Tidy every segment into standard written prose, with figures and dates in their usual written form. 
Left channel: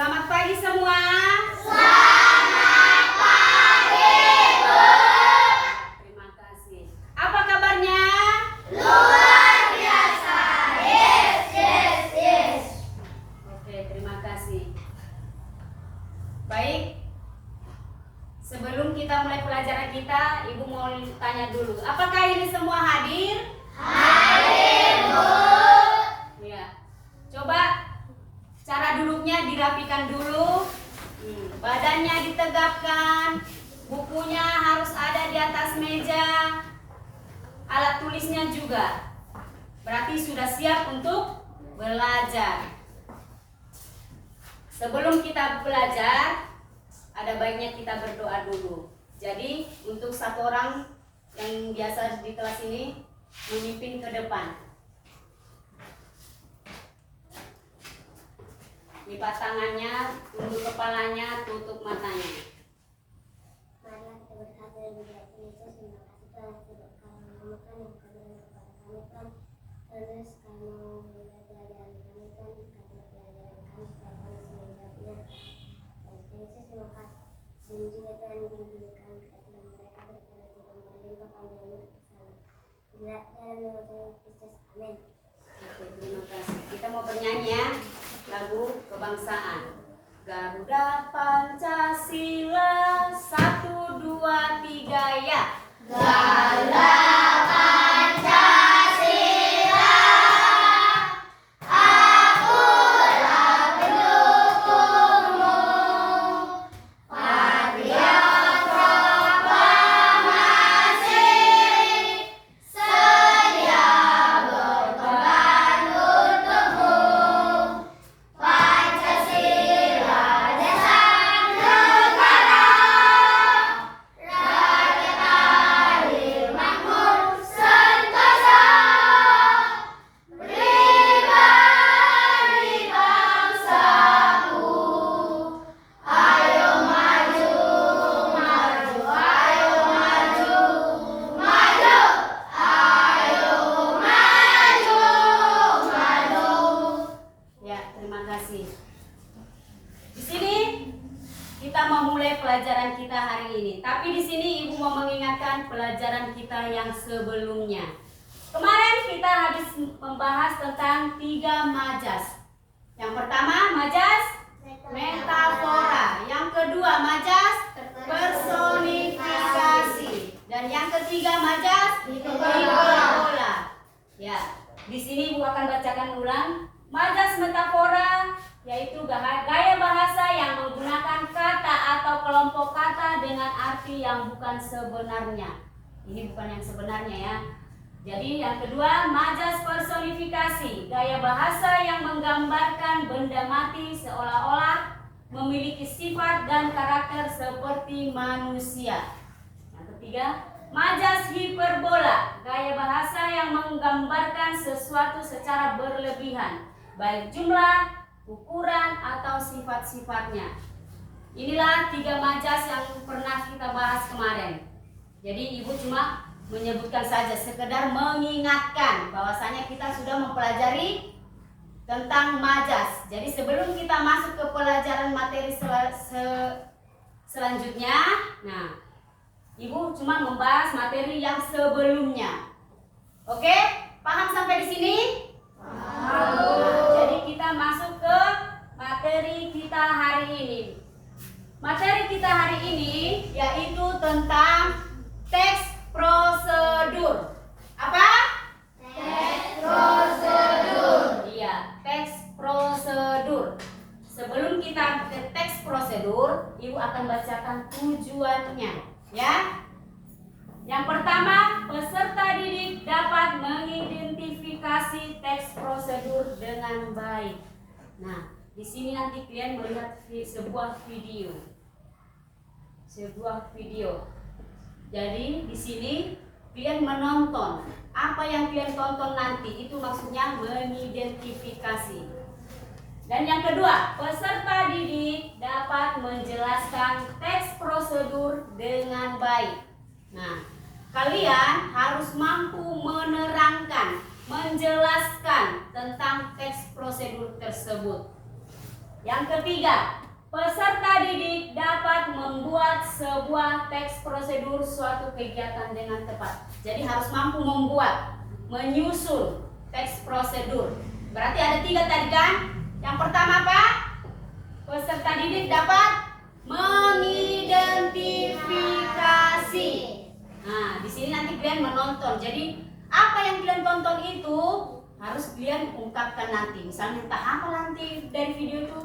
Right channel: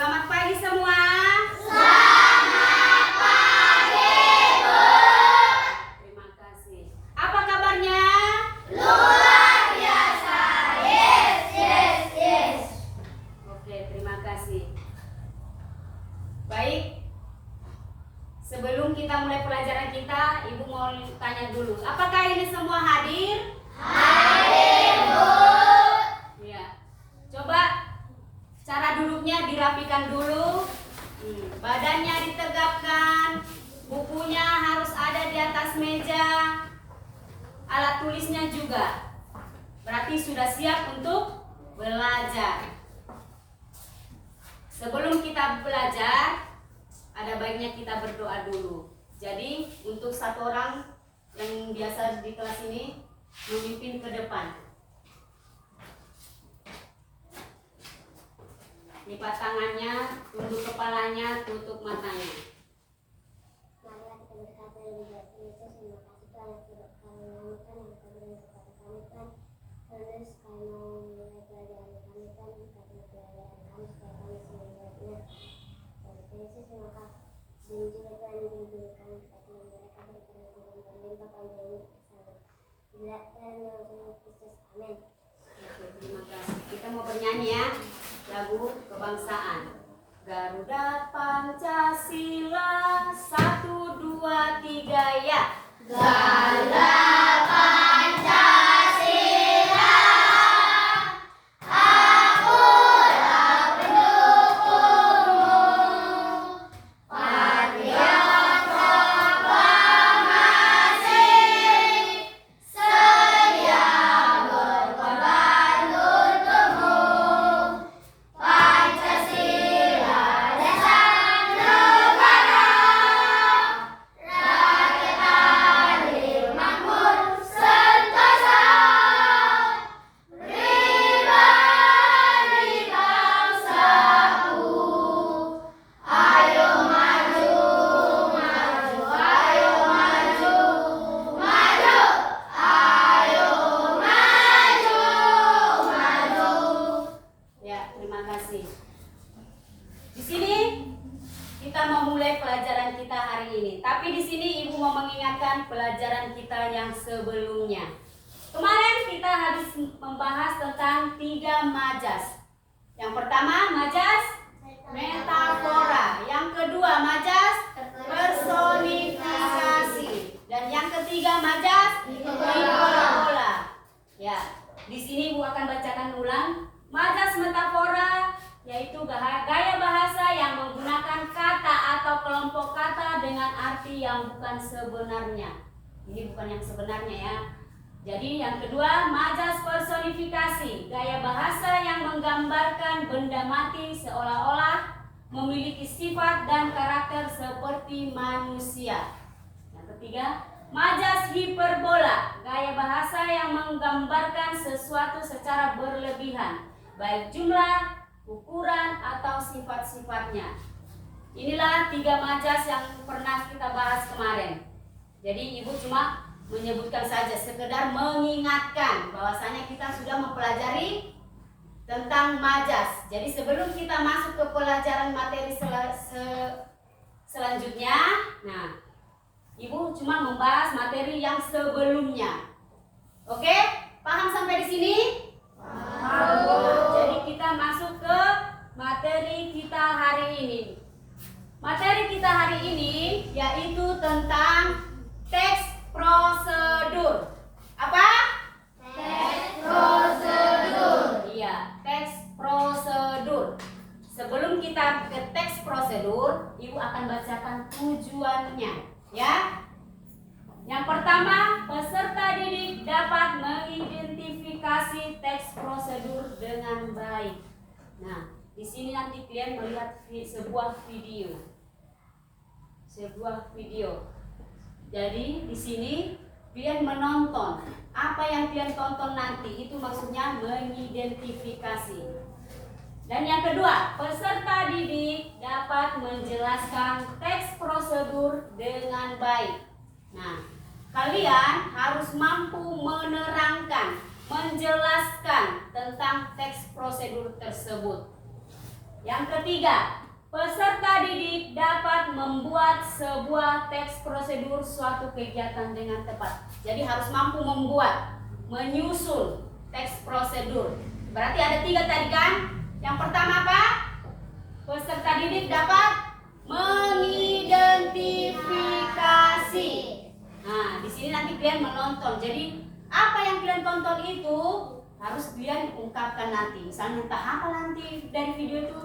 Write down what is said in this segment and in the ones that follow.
Selamat pagi semua. Selamat pagi, Bu. Terima kasih. Apa kabarnya? Luar biasa. Yes. Oke, terima kasih. Baik. Sebelum kita mulai pelajaran kita, Ibu mau tanya dulu. Apakah ini semua hadir? Hadir, Bu. Ya. Coba cara duduknya dirapikan dulu. Badannya ditegapkan. Bukunya harus ada di atas meja. Alat tulisnya juga. Berarti sudah siap untuk belajar. Sebelum kita belajar, ada baiknya kita berdoa dulu. Jadi untuk satu orang yang biasa di kelas ini memimpin ke depan. Lipat tangannya, tunduk kepalanya, tutup matanya. Marilah kita berkata yang baik Yesus, terima kasih Tuhan yang sudah kami menemukan yang kami kepada kami Tuhan. Terus kami mau mulai pelajaran kami Tuhan, karena pelajaran kami supaya kami semuanya. Dan Yesus terima kasih. Dan juga Tuhan bimbing kami kepada mereka berikan juga berlimpah kami dari kesalahan. Bila dalam nama Tuhan Yesus, amin. Oke, terima kasih. Kita mau bernyanyi ya, lagu kebangsaan. Garuda Pancasila, 1, 2, 3 ya. Garuda Pancasila, akulah pendukungmu, patriot proklamasi, sedia berkorban untukmu. Pancasila dasar negara, rakyat adil makmur sentosa, pribadi bangsaku. Ayo maju, maju, ayo maju, maju, ayo maju, maju. Ya, terima kasih. Di sini kita mau mulai pelajaran kita hari ini. Tapi di sini Ibu mau mengingatkan pelajaran kita yang sebelumnya. Kemarin kita habis membahas tentang 3 majas. Yang pertama majas metafora, yang kedua majas personifikasi, dan yang ketiga majas hiperbola. Ya, di sini Ibu akan bacakan ulang. Majas metafora yaitu gaya bahasa yang menggunakan kata atau kelompok kata dengan arti yang bukan sebenarnya. Ini bukan yang sebenarnya ya. Jadi yang kedua, majas personifikasi, gaya bahasa yang menggambarkan benda mati seolah-olah memiliki sifat dan karakter seperti manusia. Yang ketiga, majas hiperbola, gaya bahasa yang menggambarkan sesuatu secara berlebihan, baik jumlah, ukuran, atau sifat-sifatnya. Inilah 3 majas yang pernah kita bahas kemarin. Jadi Ibu cuma menyebutkan saja, sekedar mengingatkan bahwasanya kita sudah mempelajari tentang majas. Jadi sebelum kita masuk ke pelajaran materi selanjutnya, nah Ibu cuma membahas materi yang sebelumnya. Oke? Paham sampai di sini? Paham. Jadi kita masuk ke materi kita hari ini. Materi kita hari ini yaitu tentang teks prosedur. Apa? Teks prosedur. Iya, teks prosedur. Sebelum kita ke teks prosedur, Ibu akan bacakan tujuannya, ya. Yang pertama, peserta didik dapat mengidentifikasi teks prosedur dengan baik. Nah, di sini nanti kalian melihat sebuah video. Jadi di sini kalian menonton. Apa yang kalian tonton nanti itu maksudnya mengidentifikasi. Dan yang kedua, peserta didik dapat menjelaskan teks prosedur dengan baik. Nah, kalian harus mampu menerangkan, menjelaskan tentang teks prosedur tersebut. Yang ketiga, peserta didik dapat membuat sebuah teks prosedur suatu kegiatan dengan tepat. Jadi harus mampu membuat, menyusun teks prosedur. Berarti ada 3 tadi kan? Yang pertama apa? Peserta didik dapat mengidentifikasi. Nah, di sini nanti kalian menonton. Jadi apa yang kalian tonton itu harus kalian ungkapkan nanti. Misalnya entah apa nanti dari video itu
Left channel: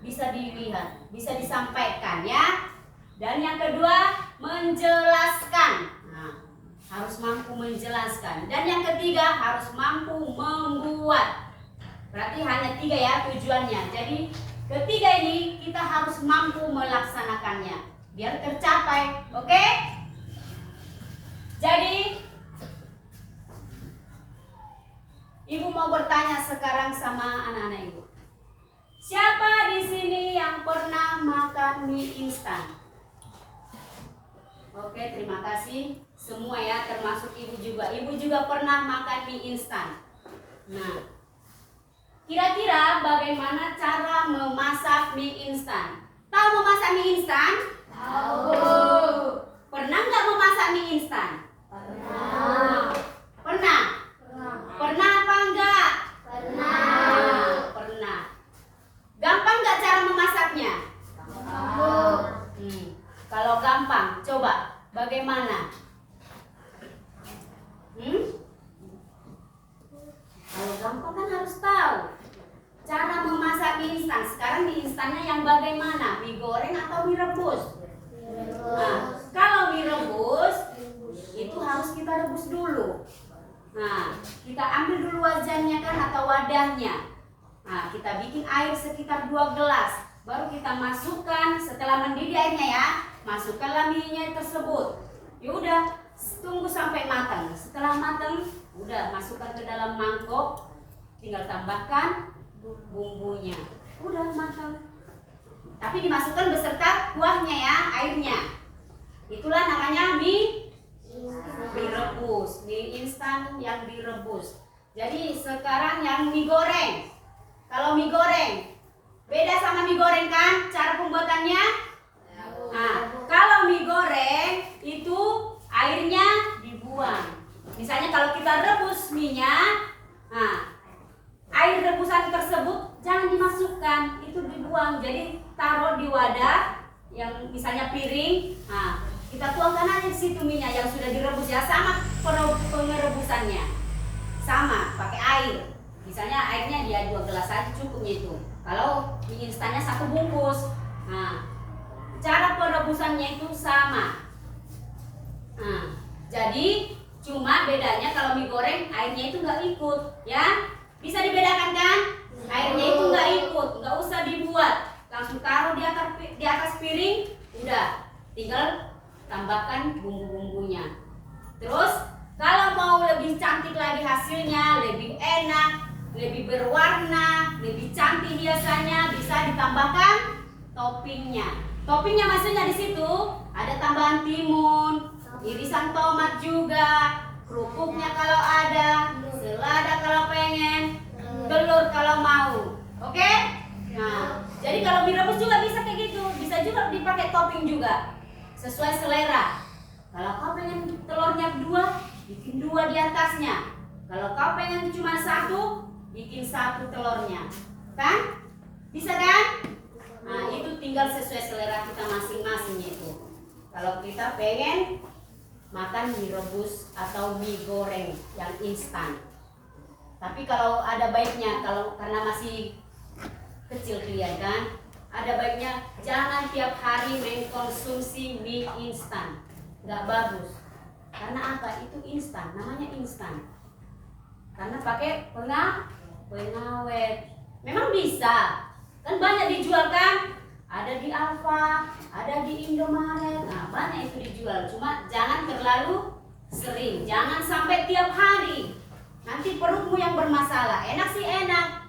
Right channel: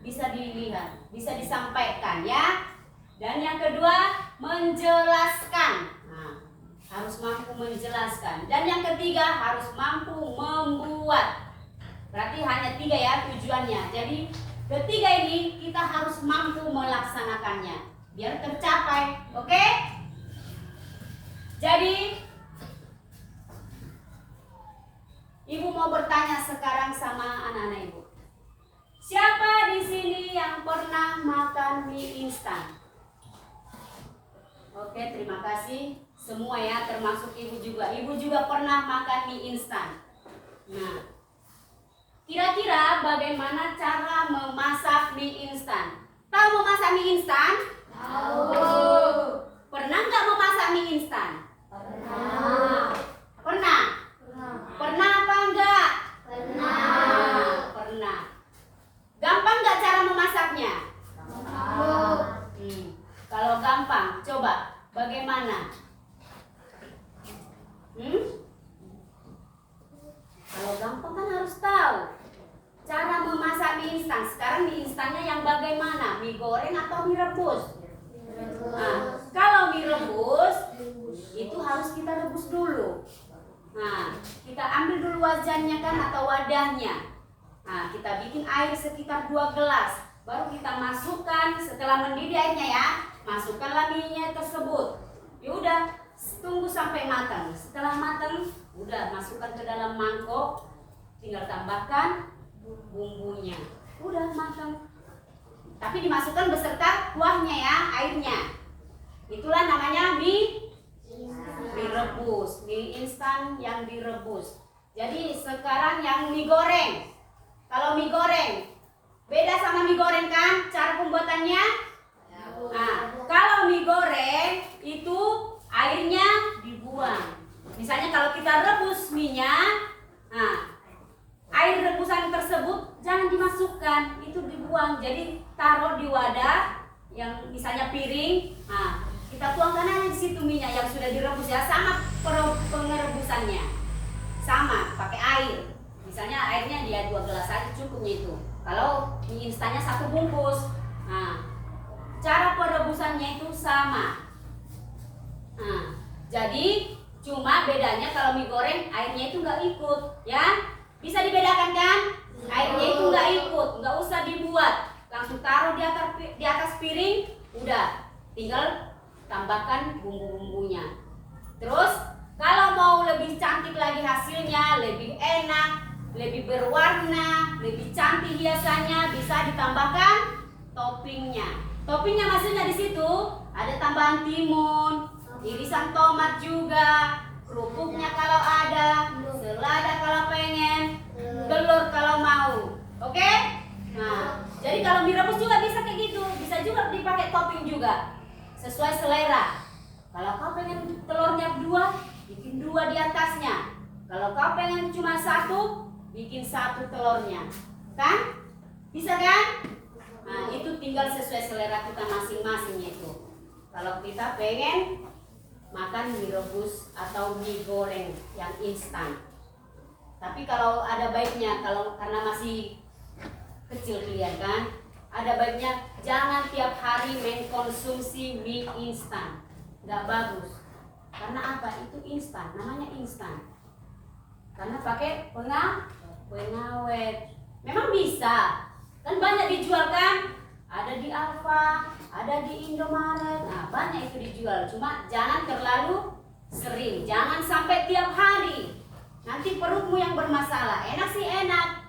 bisa dilihat, bisa disampaikan ya. Dan yang kedua, menjelaskan. Nah, harus mampu menjelaskan. Dan yang ketiga, harus mampu membuat. Berarti hanya 3 ya tujuannya. Jadi ketiga ini kita harus mampu melaksanakannya biar tercapai. Oke? Jadi Ibu mau bertanya sekarang sama anak-anak Ibu. Siapa di sini yang pernah makan mie instan? Oke, terima kasih semua ya, termasuk Ibu juga. Ibu juga pernah makan mie instan. Nah, kira-kira bagaimana cara memasak mie instan? Tahu memasak mie instan? Tahu. Pernah nggak memasak mie instan? Pernah. Pernah? Pernah apa enggak? Pernah. Pernah. Gampang nggak cara memasaknya? Kalau gampang, coba bagaimana? Kalau gampang kan harus tahu cara memasak mie instan. Sekarang mie instannya yang bagaimana? Mie goreng atau mie rebus? Nah, kalau mie rebus itu harus kita rebus dulu. Nah, kita ambil dulu wajannya kan atau wadahnya. Nah, kita bikin air sekitar 2 gelas. Baru kita masukkan setelah mendidih airnya ya. Masukkanlah mie-nya tersebut. Yaudah, tunggu sampai matang. Setelah matang, udah masukkan ke dalam mangkok. Tinggal tambahkan bumbunya. Udah matang. Tapi dimasukkan beserta kuahnya ya, airnya. Itulah namanya mie rebus, mie instan yang direbus. Jadi sekarang yang mie goreng. Kalau mie goreng beda sama mie goreng kan cara pembuatannya? Nah, kalau mie goreng itu airnya dibuang. Misalnya kalau kita rebus mie-nya, nah, air rebusan tersebut jangan dimasukkan, itu dibuang. Jadi taruh di wadah yang misalnya piring. Nah, kita tuangkan aja di situ minyak yang sudah direbus ya, sama pengerebusannya. Sama, pakai air. Misalnya airnya dia 2 gelas aja cukupnya itu. Kalau mie instannya 1 bungkus. Nah, cara perebusannya itu sama. Nah, jadi cuma bedanya kalau mie goreng airnya itu nggak ikut, ya. Bisa dibedakan kan? Airnya itu nggak ikut, nggak usah dibuat. Langsung taruh di atas piring, udah. Tinggal tambahkan bumbu-bumbunya. Terus kalau mau lebih cantik lagi hasilnya, lebih enak, lebih berwarna, lebih cantik biasanya bisa ditambahkan toppingnya. Toppingnya maksudnya di situ ada tambahan timun, irisan tomat juga, kerupuknya kalau ada, selada kalau pengen, telur kalau mau. Oke? Nah, jadi kalau mie rebus juga bisa kayak gitu, bisa juga dipakai topping juga. Sesuai selera. Kalau kau pengen telurnya 2, bikin 2 di atasnya. Kalau kau pengen cuma 1, bikin 1 telurnya. Kan? Bisa kan? Nah, itu tinggal sesuai selera kita masing-masing itu. Kalau kita pengen makan mie rebus atau mie goreng yang instan. Tapi kalau ada baiknya, kalau karena masih kecil kalian kan, ada baiknya jangan tiap hari mengkonsumsi mie instan. Nggak bagus. Karena apa? Itu instan, namanya instan. Karena pakai pengawet. Memang bisa. Kan banyak dijual kan? Ada di Alfa, ada di Indomaret. Nah, banyak itu dijual. Cuma jangan terlalu sering. Jangan sampai tiap hari. Nanti perutmu yang bermasalah. Enak sih enak,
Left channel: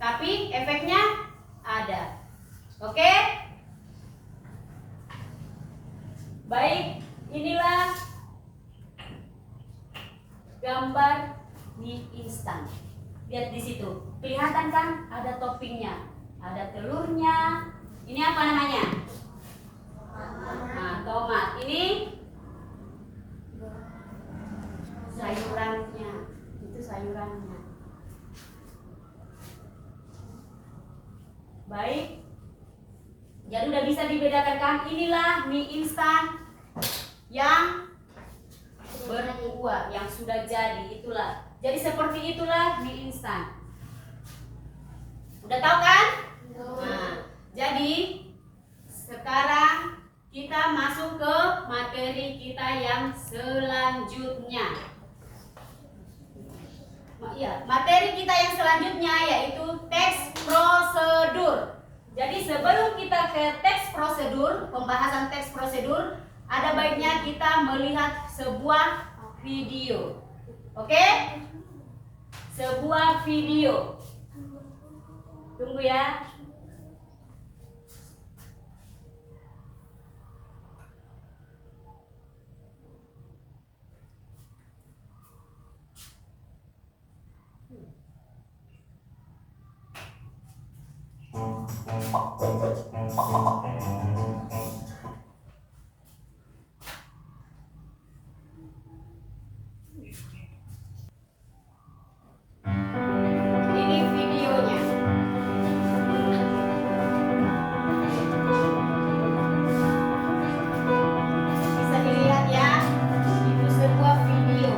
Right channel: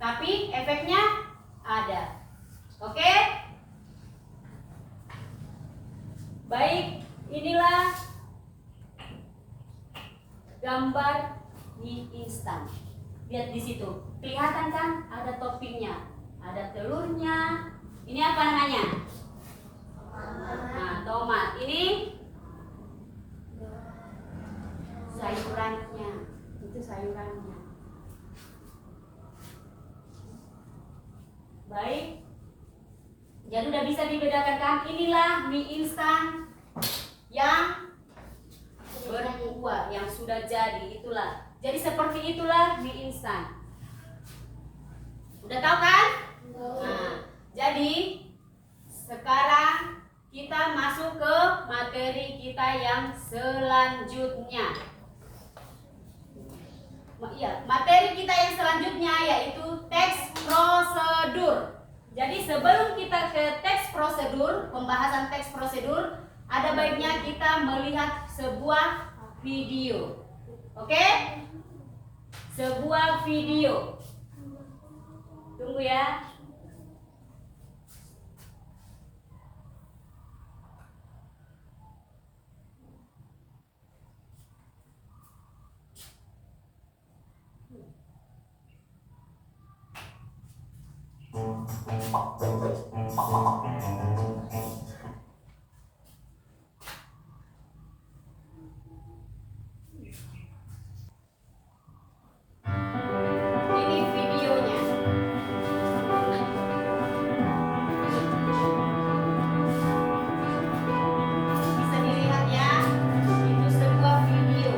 tapi efeknya ada. Oke? Baik, inilah gambar mie instan. Lihat di situ, kelihatan kan ada toppingnya. ada telurnya. Ini apa namanya? Nah, tomat. Ini sayurannya. Itu sayurannya. Baik. Jadi udah bisa dibedakan kan? Inilah mie instan yang berkuah, yang sudah jadi. Itulah. Jadi seperti itulah mie instan. Udah tahu kan? Nah, jadi sekarang kita masuk ke materi kita yang selanjutnya. Iya, materi kita yang selanjutnya yaitu teks prosedur. Jadi sebelum kita ke teks prosedur, pembahasan teks prosedur, ada baiknya kita melihat sebuah video. Oke? Sebuah video. Tunggu ya. Ini videonya. Bisa dilihat ya. Itu sebuah video.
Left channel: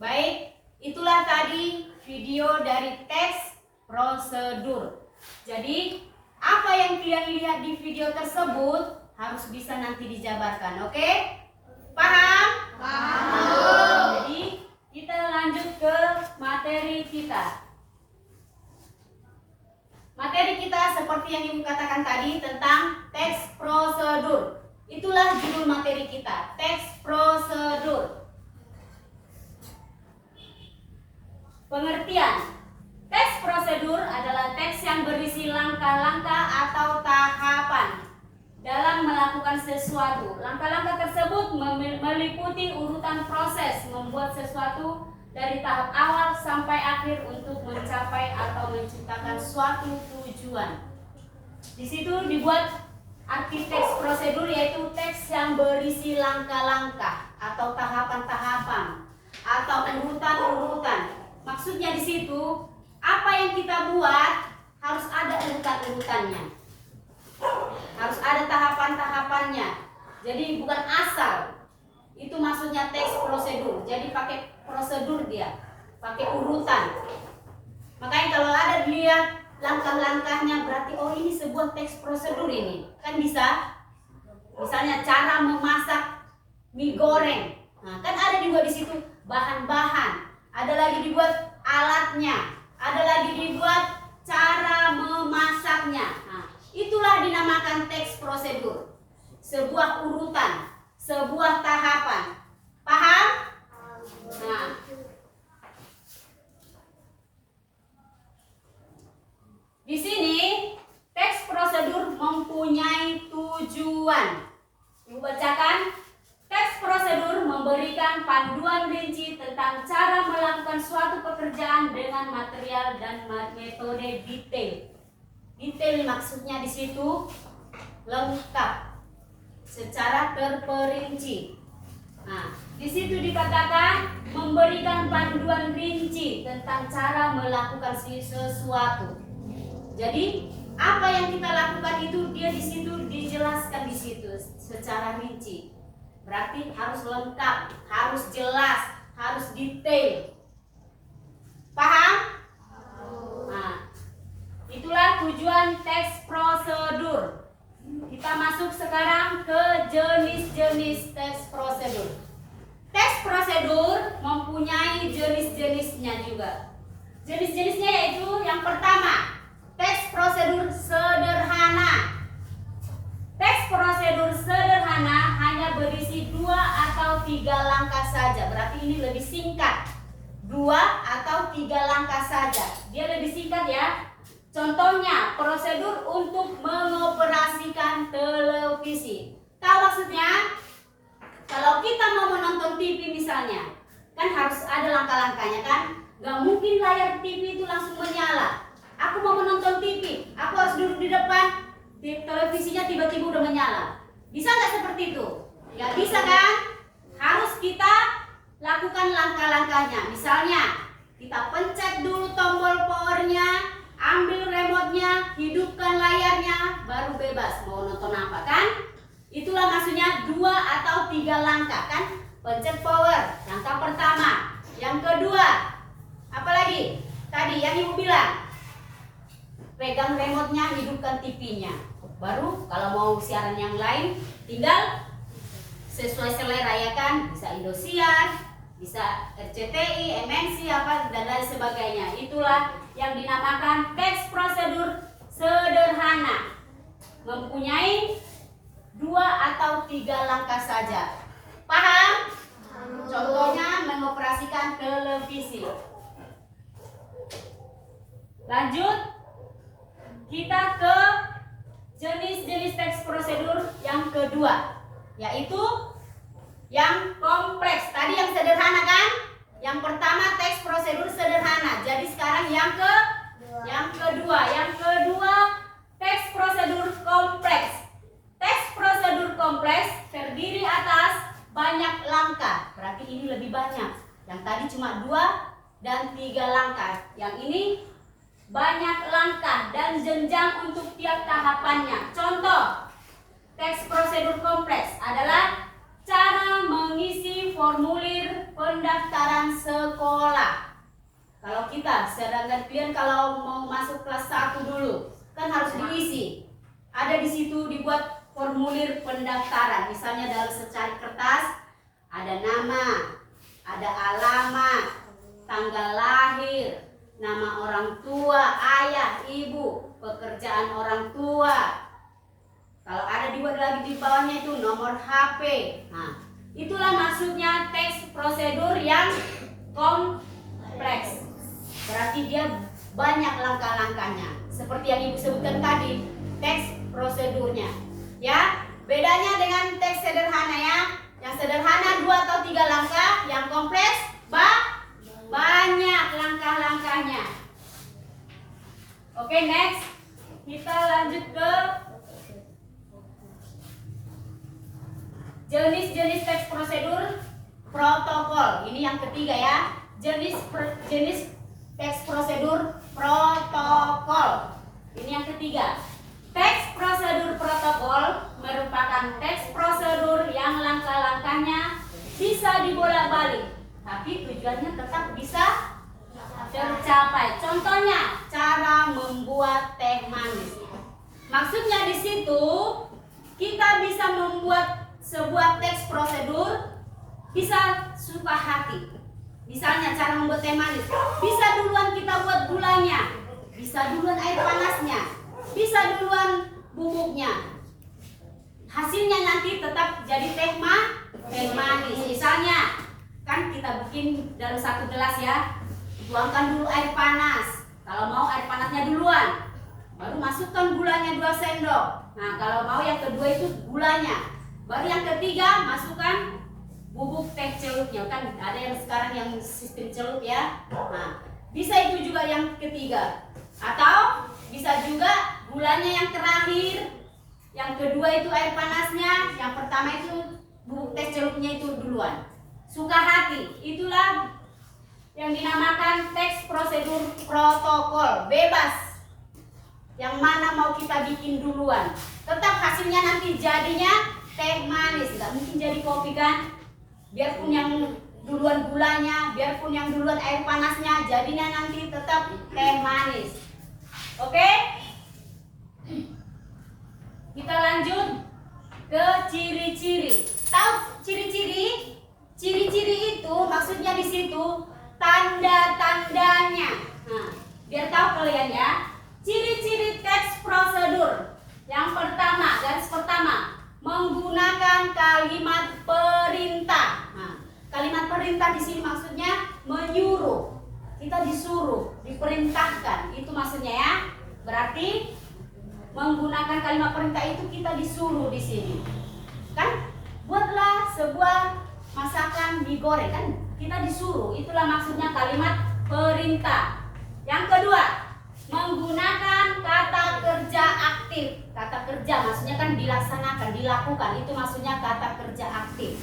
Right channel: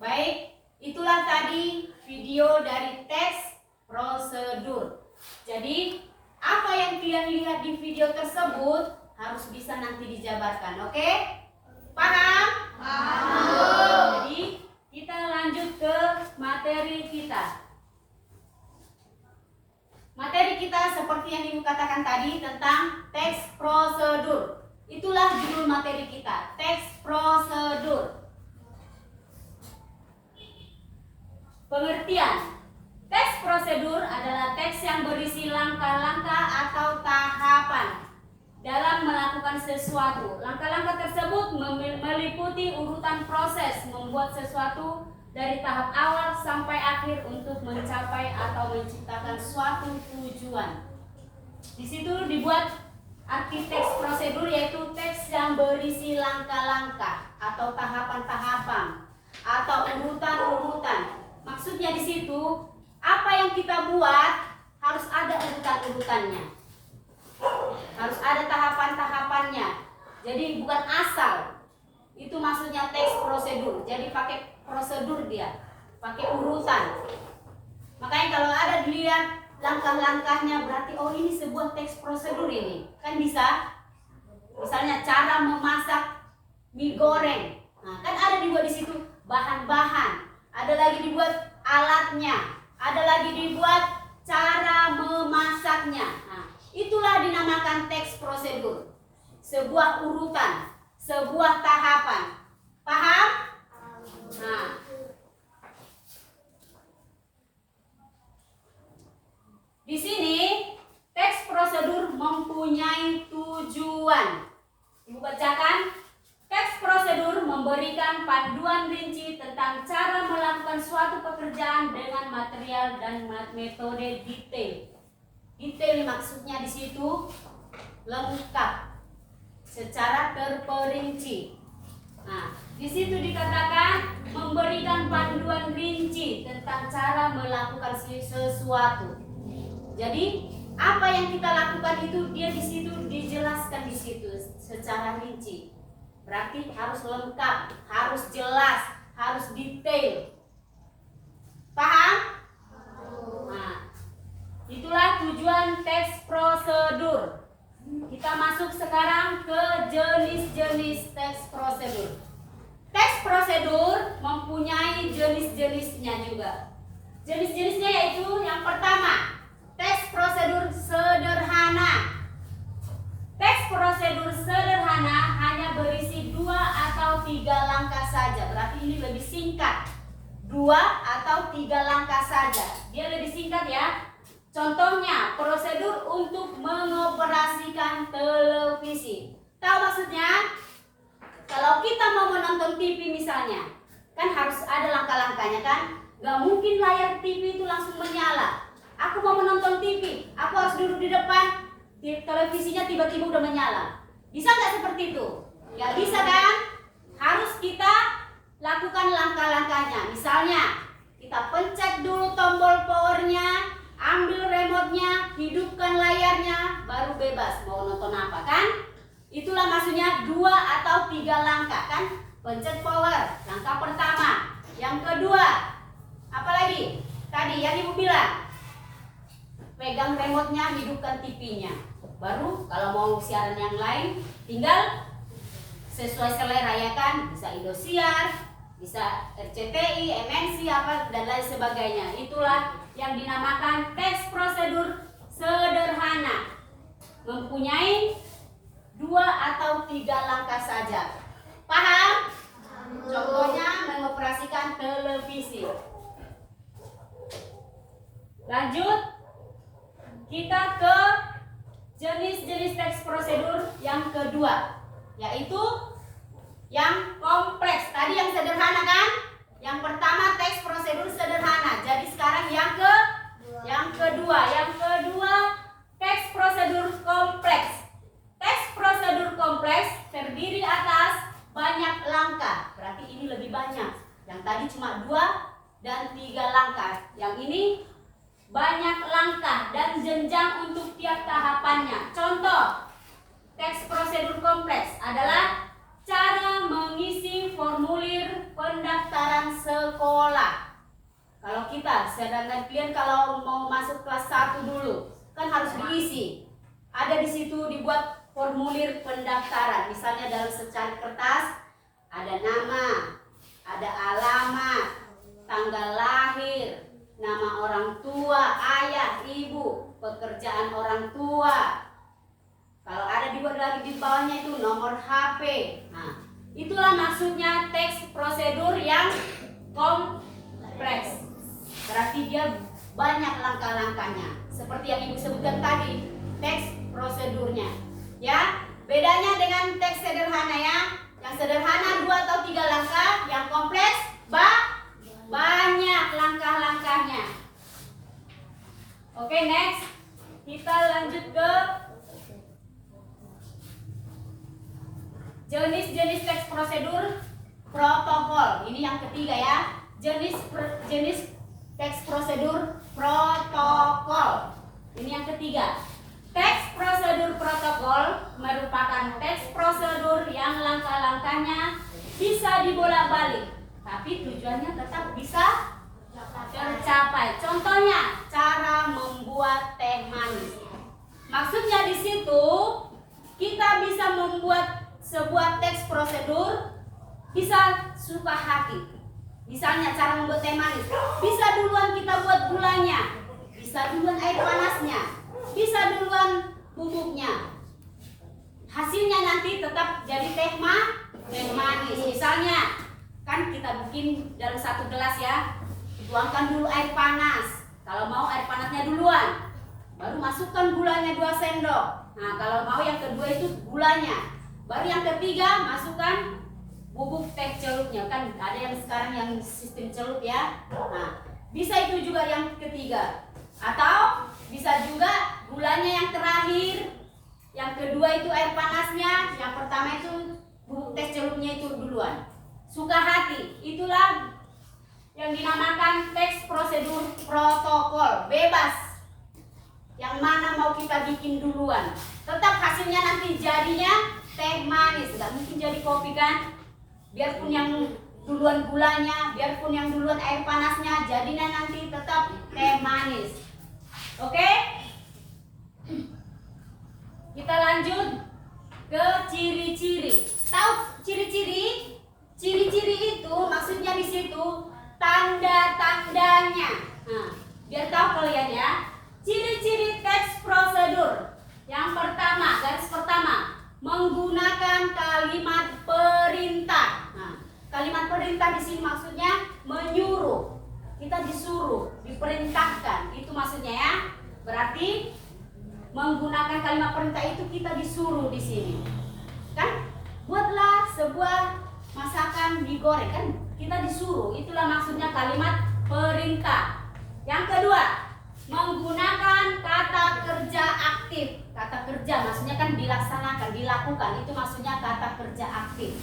Baik, itulah tadi video dari tes prosedur. Jadi apa yang kalian lihat di video tersebut harus bisa nanti dijabarkan, oke? Paham? Paham. Jadi kita lanjut ke materi kita. Materi kita seperti yang Ibu katakan tadi tentang teks prosedur. Itulah judul materi kita, teks prosedur. Pengertian. Teks prosedur adalah teks yang berisi langkah-langkah atau tahapan dalam melakukan sesuatu. Langkah-langkah tersebut meliputi urutan proses membuat sesuatu dari tahap awal sampai akhir untuk mencapai atau menciptakan suatu tujuan. Di situ dibuat arti teks prosedur, yaitu teks yang berisi langkah-langkah atau tahapan-tahapan atau urutan-urutan. Maksudnya di situ apa yang kita buat harus ada urutan-urutannya, harus ada tahapan-tahapannya. Jadi bukan asal. Itu maksudnya teks prosedur. Jadi pakai prosedur dia, pakai urutan. Makanya kalau ada dilihat langkah-langkahnya berarti oh ini sebuah teks prosedur ini. Kan bisa. Misalnya cara memasak mie goreng. Nah, kan ada dibuat di situ bahan-bahan. Ada lagi dibuat alatnya. Ada lagi dibuat cara memasaknya. Nah, itulah dinamakan teks prosedur. Sebuah urutan, sebuah tahapan. Paham? Nah, di sini teks prosedur mempunyai tujuan. Ibu bacakan. Teks prosedur memberikan panduan rinci tentang cara melakukan suatu pekerjaan dengan material dan metode detail. Detail maksudnya di situ lengkap, secara terperinci. Nah, di situ dikatakan memberikan panduan rinci tentang cara melakukan sesuatu. Jadi apa yang kita lakukan itu dia di situ dijelaskan di situ secara rinci. Berarti harus lengkap, harus jelas, harus detail. Paham? Nah, itulah tujuan teks prosedur. Kita masuk sekarang ke jenis-jenis teks prosedur. Teks prosedur mempunyai jenis-jenisnya juga. Jenis-jenisnya yaitu yang pertama, teks prosedur sederhana. Teks prosedur sederhana hanya berisi 2 atau 3 langkah saja. Berarti ini lebih singkat. 2 atau 3 langkah saja. Dia lebih singkat ya. Contohnya, prosedur untuk mengoperasikan televisi. Tahu maksudnya? Kalau kita mau menonton TV misalnya, kan harus ada langkah-langkahnya kan? Gak mungkin layar TV itu langsung menyala. Aku mau menonton TV, aku harus duduk di depan, televisinya tiba-tiba udah menyala. Bisa nggak seperti itu? Ya bisa kan? Harus kita lakukan langkah-langkahnya. Misalnya, kita pencet dulu tombol powernya, ambil remote-nya, hidupkan layarnya, baru bebas mau nonton apa kan? Itulah maksudnya 2 atau 3 langkah kan? Pencet power, langkah pertama. Yang kedua, apa lagi? Tadi yang Ibu bilang, pegang remote-nya, hidupkan TV-nya. Baru kalau mau siaran yang lain, tinggal sesuai selera ya kan? Bisa Indosiar, bisa RCTI, MNC apa dan lain sebagainya. Itulah yang dinamakan teks prosedur sederhana. Mempunyai 2 atau 3 langkah saja. Paham? Contohnya mengoperasikan televisi. Lanjut, kita ke jenis-jenis teks prosedur yang kedua, yaitu yang kompleks. Tadi yang sederhana kan? Yang pertama teks prosedur sederhana. Jadi sekarang yang kedua. Yang kedua teks prosedur kompleks. Teks prosedur kompleks terdiri atas banyak langkah. Berarti ini lebih banyak. Yang tadi cuma 2 dan 3 langkah. Yang ini banyak langkah dan jenjang untuk tiap tahapannya. Contoh, teks prosedur kompleks adalah cara mengisi formulir pendaftaran sekolah. Kalau kita, sedangkan kalian kalau mau masuk kelas 1 dulu, kan harus diisi. Ada di situ dibuat formulir pendaftaran. Misalnya dalam secari kertas ada nama, ada alamat, tanggal lahir, nama orang tua, ayah, ibu, pekerjaan orang tua. Kalau ada dibuat lagi di bawahnya itu nomor HP. Nah, itulah maksudnya teks prosedur yang kompleks. Berarti dia banyak langkah-langkahnya. Seperti yang Ibu sebutkan tadi, teks prosedurnya. Ya, bedanya dengan teks sederhana ya. Yang sederhana 2 atau 3 langkah, yang kompleks banyak langkah-langkahnya. Oke, next. Kita lanjut ke jenis-jenis teks prosedur protokol. Ini yang ketiga ya. Jenis teks prosedur protokol. Ini yang ketiga. Teks prosedur protokol merupakan teks prosedur yang langkah-langkahnya bisa dibolak-balik, tapi tujuannya tetap bisa tercapai. Contohnya, cara membuat teh manis. Maksudnya di situ kita bisa membuat sebuah teks prosedur bisa suka hati. Misalnya cara membuat teh manis, bisa duluan kita buat gulanya, bisa duluan air panasnya, bisa duluan bubuknya. Hasilnya nanti tetap jadi teh manis. Misalnya kan kita bikin dalam 1 gelas ya, tuangkan dulu air panas. Kalau mau air panasnya duluan, baru masukkan gulanya 2 sendok. Nah, kalau mau yang kedua itu gulanya, baru yang ketiga masukkan bubuk teh celupnya. Kan ada yang sekarang yang sistem celup ya. Nah, bisa itu juga yang ketiga. Atau bisa juga gulanya yang terakhir, yang kedua itu air panasnya, yang pertama itu bubuk teh celupnya itu duluan. Suka hati, itulah yang dinamakan teks prosedur protokol. Bebas yang mana mau kita bikin duluan, tetap hasilnya nanti jadinya teh manis. Nggak mungkin jadi kopi kan, biarpun yang duluan gulanya, biarpun yang duluan air panasnya, jadinya nanti tetap teh manis. Oke, kita lanjut ke ciri-ciri. Tahu ciri-ciri? Ciri-ciri itu maksudnya di situ tanda-tandanya. Nah, biar tahu kalian ya. Ciri-ciri teks prosedur. Yang pertama, garis pertama, menggunakan kalimat perintah. Nah, kalimat perintah di sini maksudnya menyuruh. Kita disuruh, diperintahkan. Itu maksudnya ya. Berarti menggunakan kalimat perintah itu kita disuruh di sini. Kan buatlah sebuah masakan mie goreng, kan kita disuruh. Itulah maksudnya kalimat perintah. Yang kedua, menggunakan kata kerja aktif. Kata kerja maksudnya kan dilaksanakan, dilakukan. Itu maksudnya kata kerja aktif.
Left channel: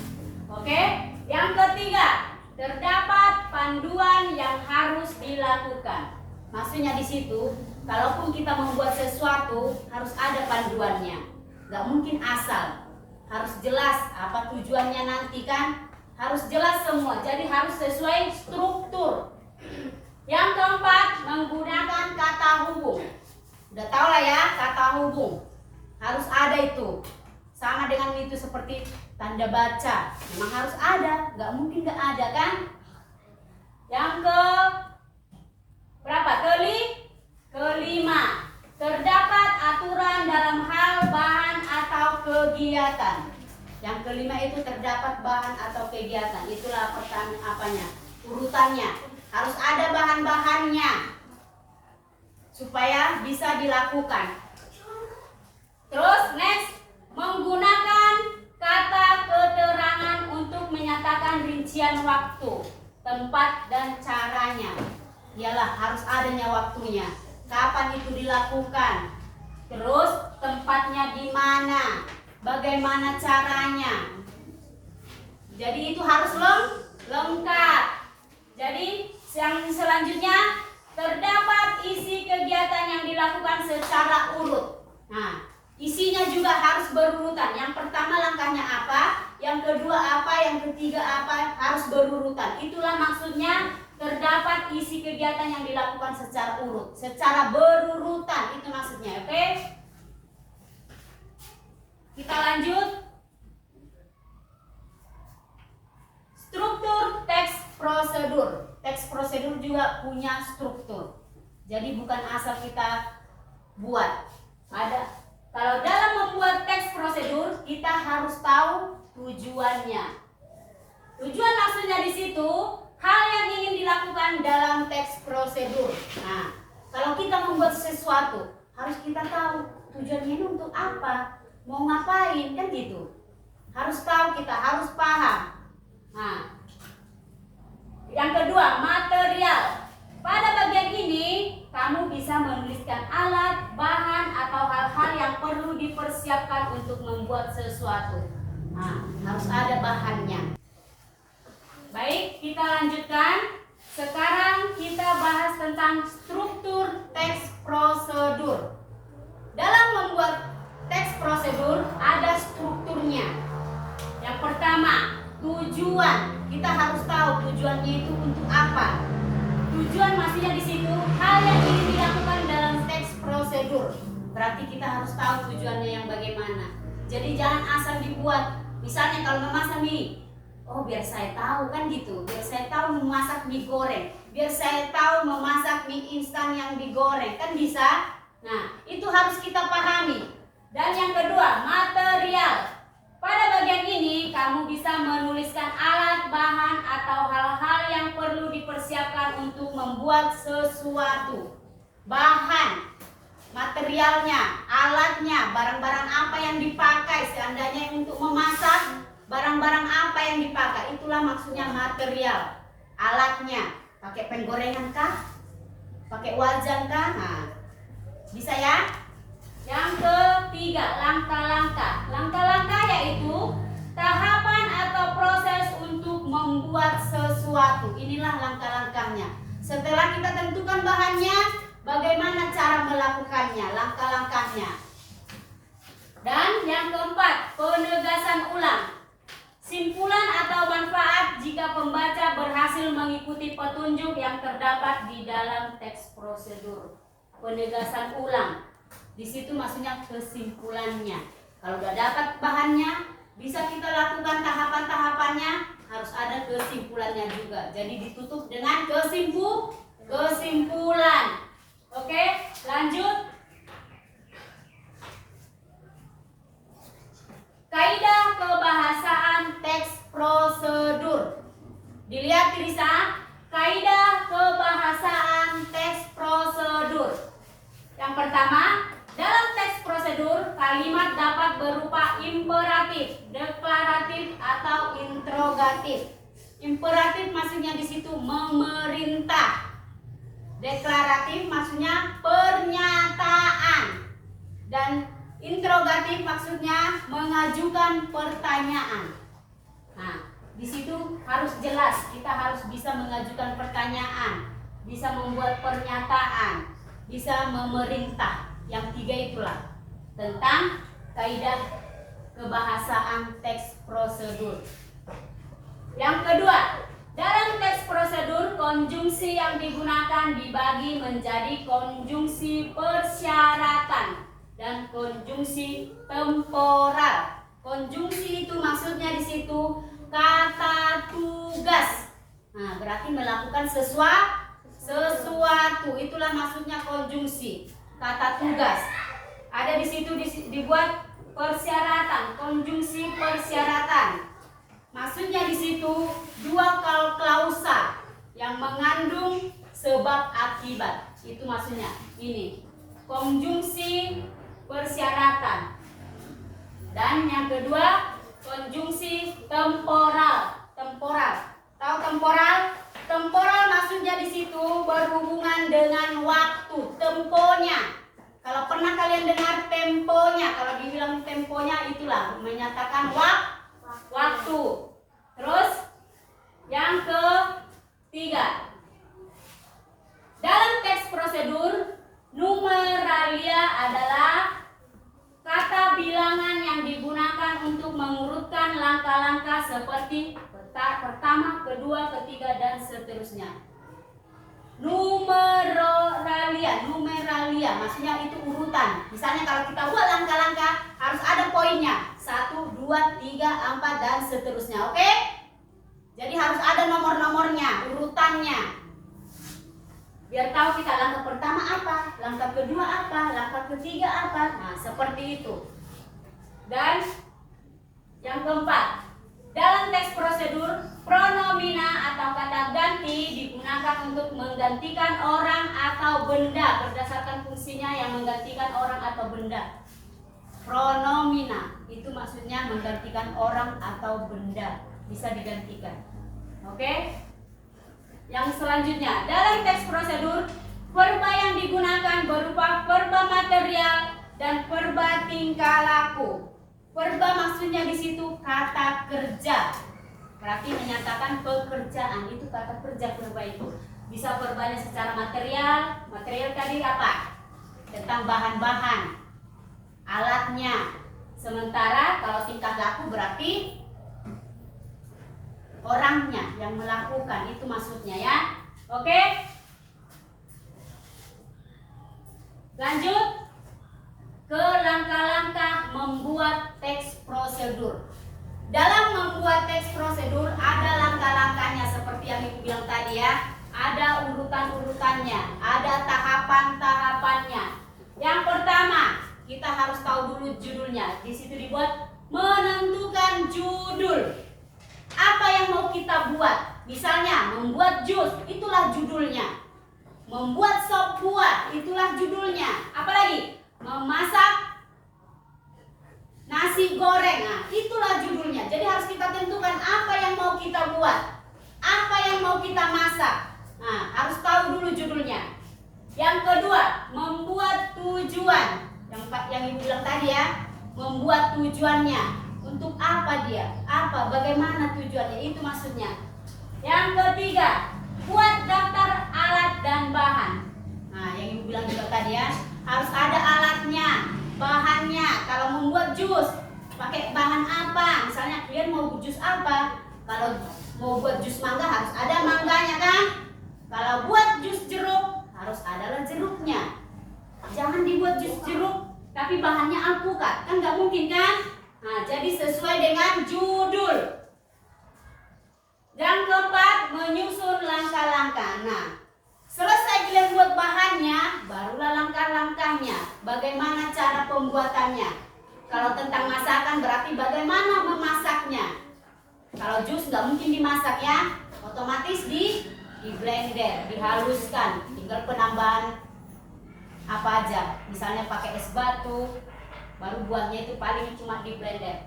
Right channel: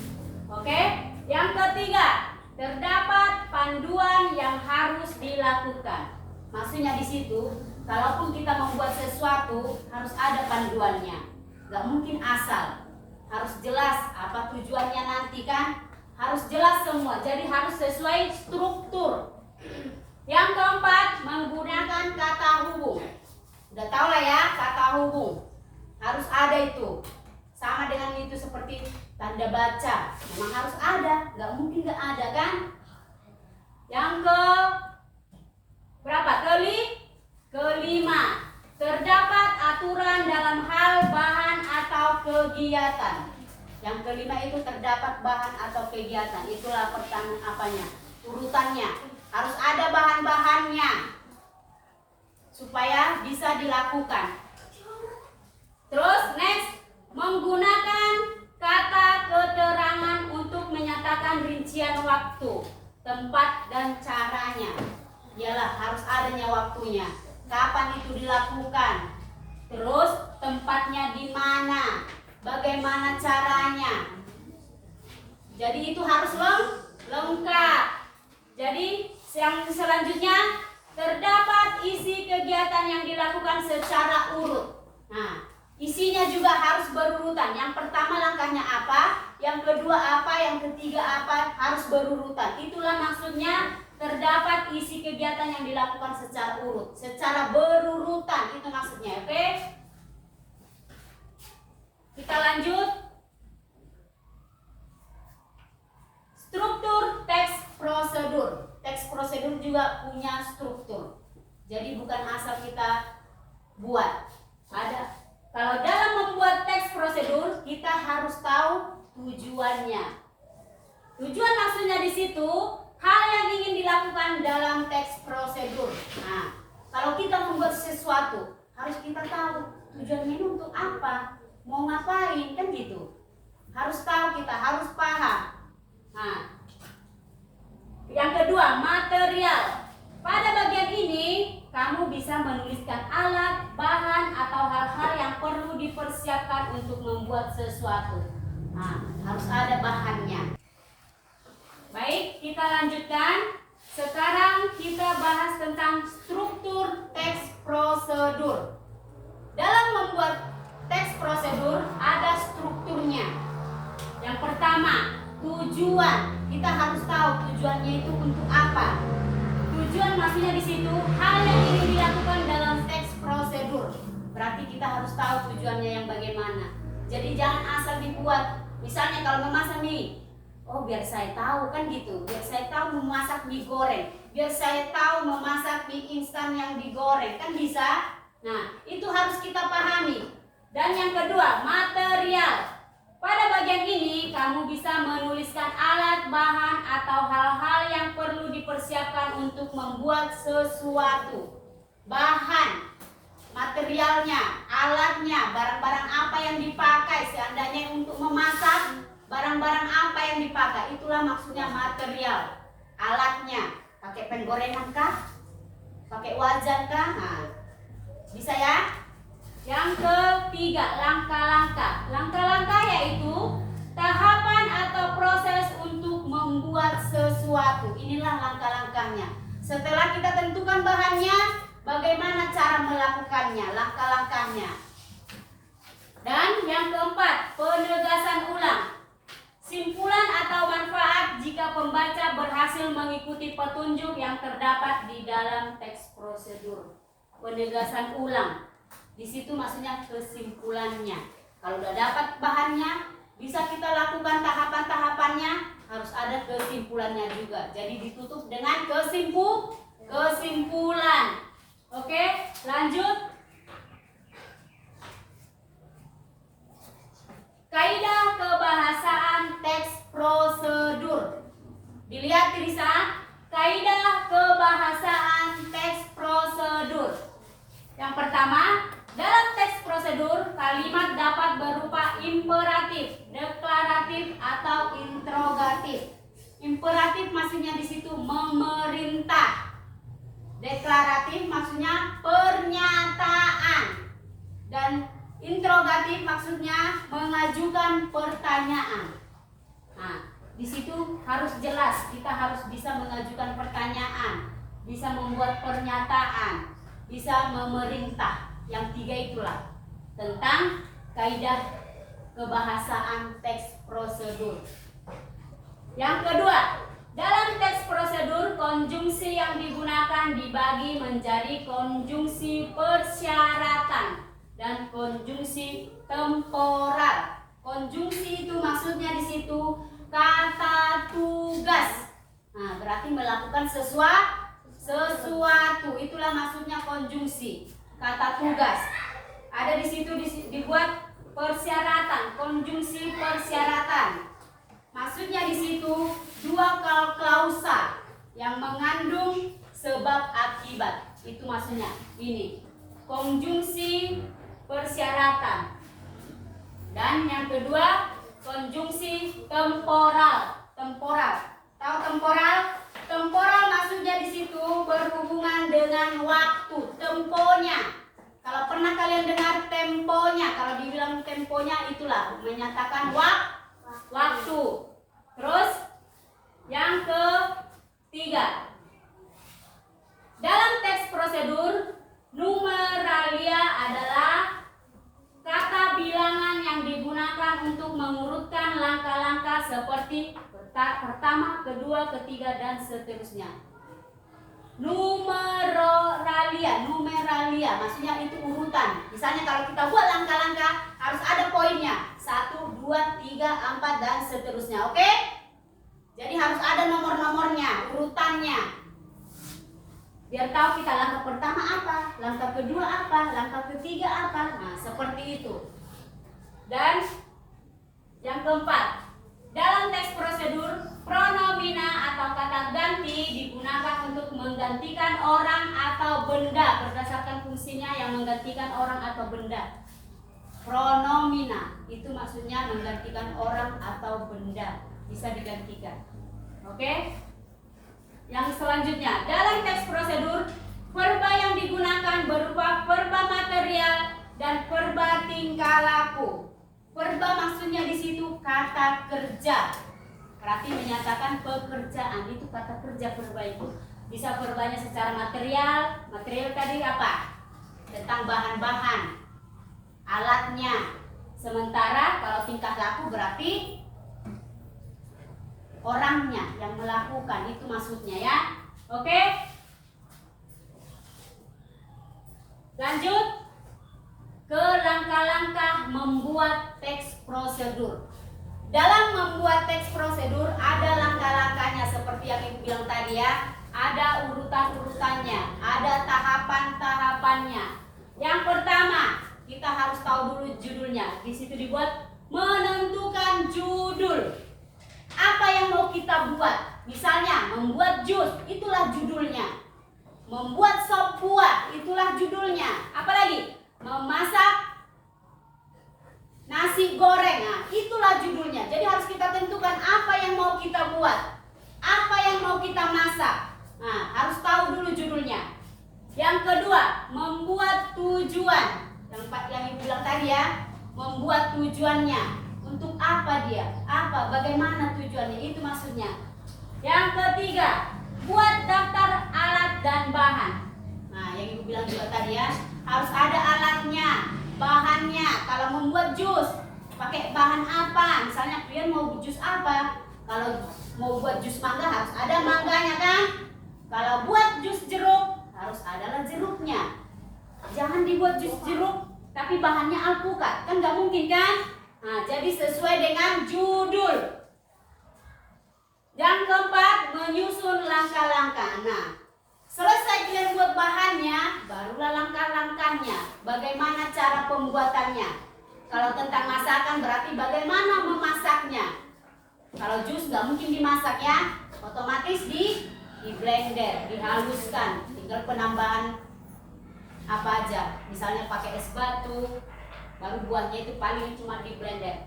Oke? Yang ketiga, terdapat panduan yang harus dilakukan. Maksudnya di situ, kalaupun kita membuat sesuatu harus ada panduannya. Gak mungkin asal. Harus jelas apa tujuannya nanti kan. Harus jelas semua. Jadi harus sesuai struktur. Yang keempat, menggunakan kata hubung. Udah tau lah ya, kata hubung harus ada itu. Sama dengan itu seperti tanda baca, memang harus ada. Gak mungkin gak ada kan. Yang ke berapa? Kelima, terdapat aturan dalam hal bahan atau kegiatan. Yang kelima itu terdapat bahan atau kegiatan. Itulah pertanyaan apanya? Urutannya. Harus ada bahan-bahannya supaya bisa dilakukan. Terus next, menggunakan kata keterangan untuk menyatakan rincian waktu, tempat dan caranya. Ialah harus adanya waktunya. Kapan itu dilakukan? Terus tempatnya di mana? Bagaimana caranya? Jadi itu harus lengkap. Jadi yang selanjutnya, terdapat isi kegiatan yang dilakukan secara urut. Nah, isinya juga harus berurutan. Yang pertama langkahnya apa, yang kedua apa, yang ketiga apa, harus berurutan. Itulah maksudnya terdapat isi kegiatan yang dilakukan secara urut, secara berurutan, itu maksudnya, oke? Kita lanjut. Struktur teks prosedur. Teks prosedur juga punya struktur. Jadi bukan asal kita buat. Ada. Kalau dalam membuat teks prosedur, kita harus tahu tujuannya. Tujuan maksudnya di situ hal yang ingin dilakukan dalam teks prosedur. Nah, kalau kita membuat sesuatu, harus kita tahu tujuannya ini untuk apa, mau ngapain, kan gitu. Harus tahu, kita harus paham. Nah, yang kedua, material. Pada bagian ini, kamu bisa menuliskan alat, bahan, atau hal-hal yang perlu dipersiapkan untuk membuat sesuatu. Nah, harus ada bahannya. Baik, kita lanjutkan. Sekarang kita bahas tentang struktur teks prosedur. Dalam membuat teks prosedur, ada strukturnya. Yang pertama, tujuan. Kita harus tahu tujuannya itu untuk apa. Tujuan maksudnya di situ hal yang ingin dilakukan dalam teks prosedur. Berarti kita harus tahu tujuannya yang bagaimana. Jadi jangan asal dibuat. Misalnya kalau memasak mie, oh biar saya tahu, kan gitu. Biar saya tahu memasak mie goreng. Biar saya tahu memasak mie instan yang digoreng, kan bisa. Nah, itu harus kita pahami. Dan yang kedua, material. Pada bagian ini, kamu bisa menuliskan alat, bahan, atau hal-hal yang perlu dipersiapkan untuk membuat sesuatu. Bahan, materialnya, alatnya, barang-barang apa yang dipakai. Seandainya untuk memasak, barang-barang apa yang dipakai. Itulah maksudnya material. Alatnya, pakai penggorengan kah? Pakai wajan kah? Nah, bisa ya? Yang ketiga, langkah-langkah. Langkah-langkah yaitu tahapan atau proses untuk membuat sesuatu. Inilah langkah-langkahnya. Setelah kita tentukan bahannya, bagaimana cara melakukannya, langkah-langkahnya. Dan yang keempat, penegasan ulang. Simpulan atau manfaat jika pembaca berhasil mengikuti petunjuk yang terdapat di dalam teks prosedur. Penegasan ulang. Di situ maksudnya kesimpulannya. Kalau udah dapat bahannya, bisa kita lakukan tahapan-tahapannya, harus ada kesimpulannya juga. Jadi ditutup dengan kesimpulan. Oke, lanjut. Kaidah kebahasaan teks prosedur. Dilihat Risa, kaidah kebahasaan teks prosedur. Yang pertama, dalam teks prosedur, kalimat dapat berupa imperatif, deklaratif, atau interrogatif. Imperatif maksudnya di situ memerintah. Deklaratif maksudnya pernyataan. Dan interrogatif maksudnya mengajukan pertanyaan. Nah, di situ harus jelas, kita harus bisa mengajukan pertanyaan, bisa membuat pernyataan, bisa memerintah. Yang tiga itulah tentang kaidah kebahasaan teks prosedur. Yang kedua, dalam teks prosedur, konjungsi yang digunakan dibagi menjadi konjungsi persyaratan dan konjungsi temporal. Konjungsi itu maksudnya di situ kata tugas. Nah, berarti melakukan sesuatu. Itulah maksudnya konjungsi, kata tugas. Ada di situ dibuat persyaratan, konjungsi persyaratan. Maksudnya di situ dua klausa yang mengandung sebab akibat. Itu maksudnya ini konjungsi persyaratan. Dan yang kedua konjungsi temporal. Tahu temporal? Temporal maksudnya di situ berhubungan dengan waktu, temponya. Kalau pernah kalian dengar temponya, kalau dibilang temponya itulah menyatakan waktu. Terus yang ketiga, dalam teks prosedur, numeralia adalah kata bilangan yang digunakan untuk mengurutkan langkah-langkah seperti pertama, kedua, ketiga, dan seterusnya. numeralia maksudnya itu urutan. Misalnya kalau kita buat langkah-langkah harus ada poinnya 1, 2, 3, 4 dan seterusnya. Oke? Jadi harus ada nomor-nomornya, urutannya. Biar tahu kita langkah pertama apa, langkah kedua apa, langkah ketiga apa. Nah, seperti itu. Dan yang keempat, dalam teks prosedur, pronomina atau kata ganti digunakan untuk menggantikan orang atau benda berdasarkan fungsinya yang menggantikan orang atau benda. Pronomina itu maksudnya menggantikan orang atau benda, bisa digantikan. Oke? Yang selanjutnya, dalam teks prosedur, verba yang digunakan berupa verba material dan verba tingkah laku. Verba maksudnya di situ kata kerja. Berarti menyatakan pekerjaan, itu kata kerja verba itu. Bisa verbanya secara material. Material tadi apa? Tentang bahan-bahan, alatnya. Sementara kalau tingkah laku berarti orangnya yang melakukan, itu maksudnya ya. Oke? Lanjut ke langkah-langkah membuat teks prosedur. Dalam membuat teks prosedur ada langkah-langkahnya seperti yang Ibu bilang tadi ya. Ada urutan-urutannya, ada tahapan-tahapannya. Yang pertama, kita harus tahu dulu judulnya. Di situ dibuat menentukan judul. Apa yang mau kita buat? Misalnya membuat jus, itulah judulnya. Membuat sop buah, itulah judulnya. Apalagi memasak nasi goreng, nah itulah judulnya. Jadi harus kita tentukan apa yang mau kita buat, apa yang mau kita masak. Nah, harus tahu dulu judulnya. Yang kedua, membuat tujuan. Yang Ibu bilang tadi ya, membuat tujuannya. Untuk apa dia? Apa? Bagaimana tujuannya? Itu maksudnya. Yang ketiga, buat daftar alat dan bahan. Nah, yang Ibu bilang juga tadi ya, harus ada alatnya, bahannya. Kalau membuat jus, pakai bahan apa? Misalnya kalian mau jus apa? Kalau mau buat jus mangga harus ada mangganya kan? Kalau buat jus jeruk harus adalah jeruknya. Jangan dibuat jus jeruk tapi bahannya alpukat, kan nggak mungkin kan? Nah, jadi sesuai dengan judul. Yang keempat, menyusun langkah-langkah. Nah, selesai kalian buat bahannya, barulah langkah-langkahnya. Bagaimana cara pembuatannya? Kalau tentang masakan berarti bagaimana memasaknya. Kalau jus nggak mungkin dimasak ya, otomatis di blender, dihaluskan. Tinggal penambahan apa aja. Misalnya pakai es batu, baru buahnya itu paling cuma di blender.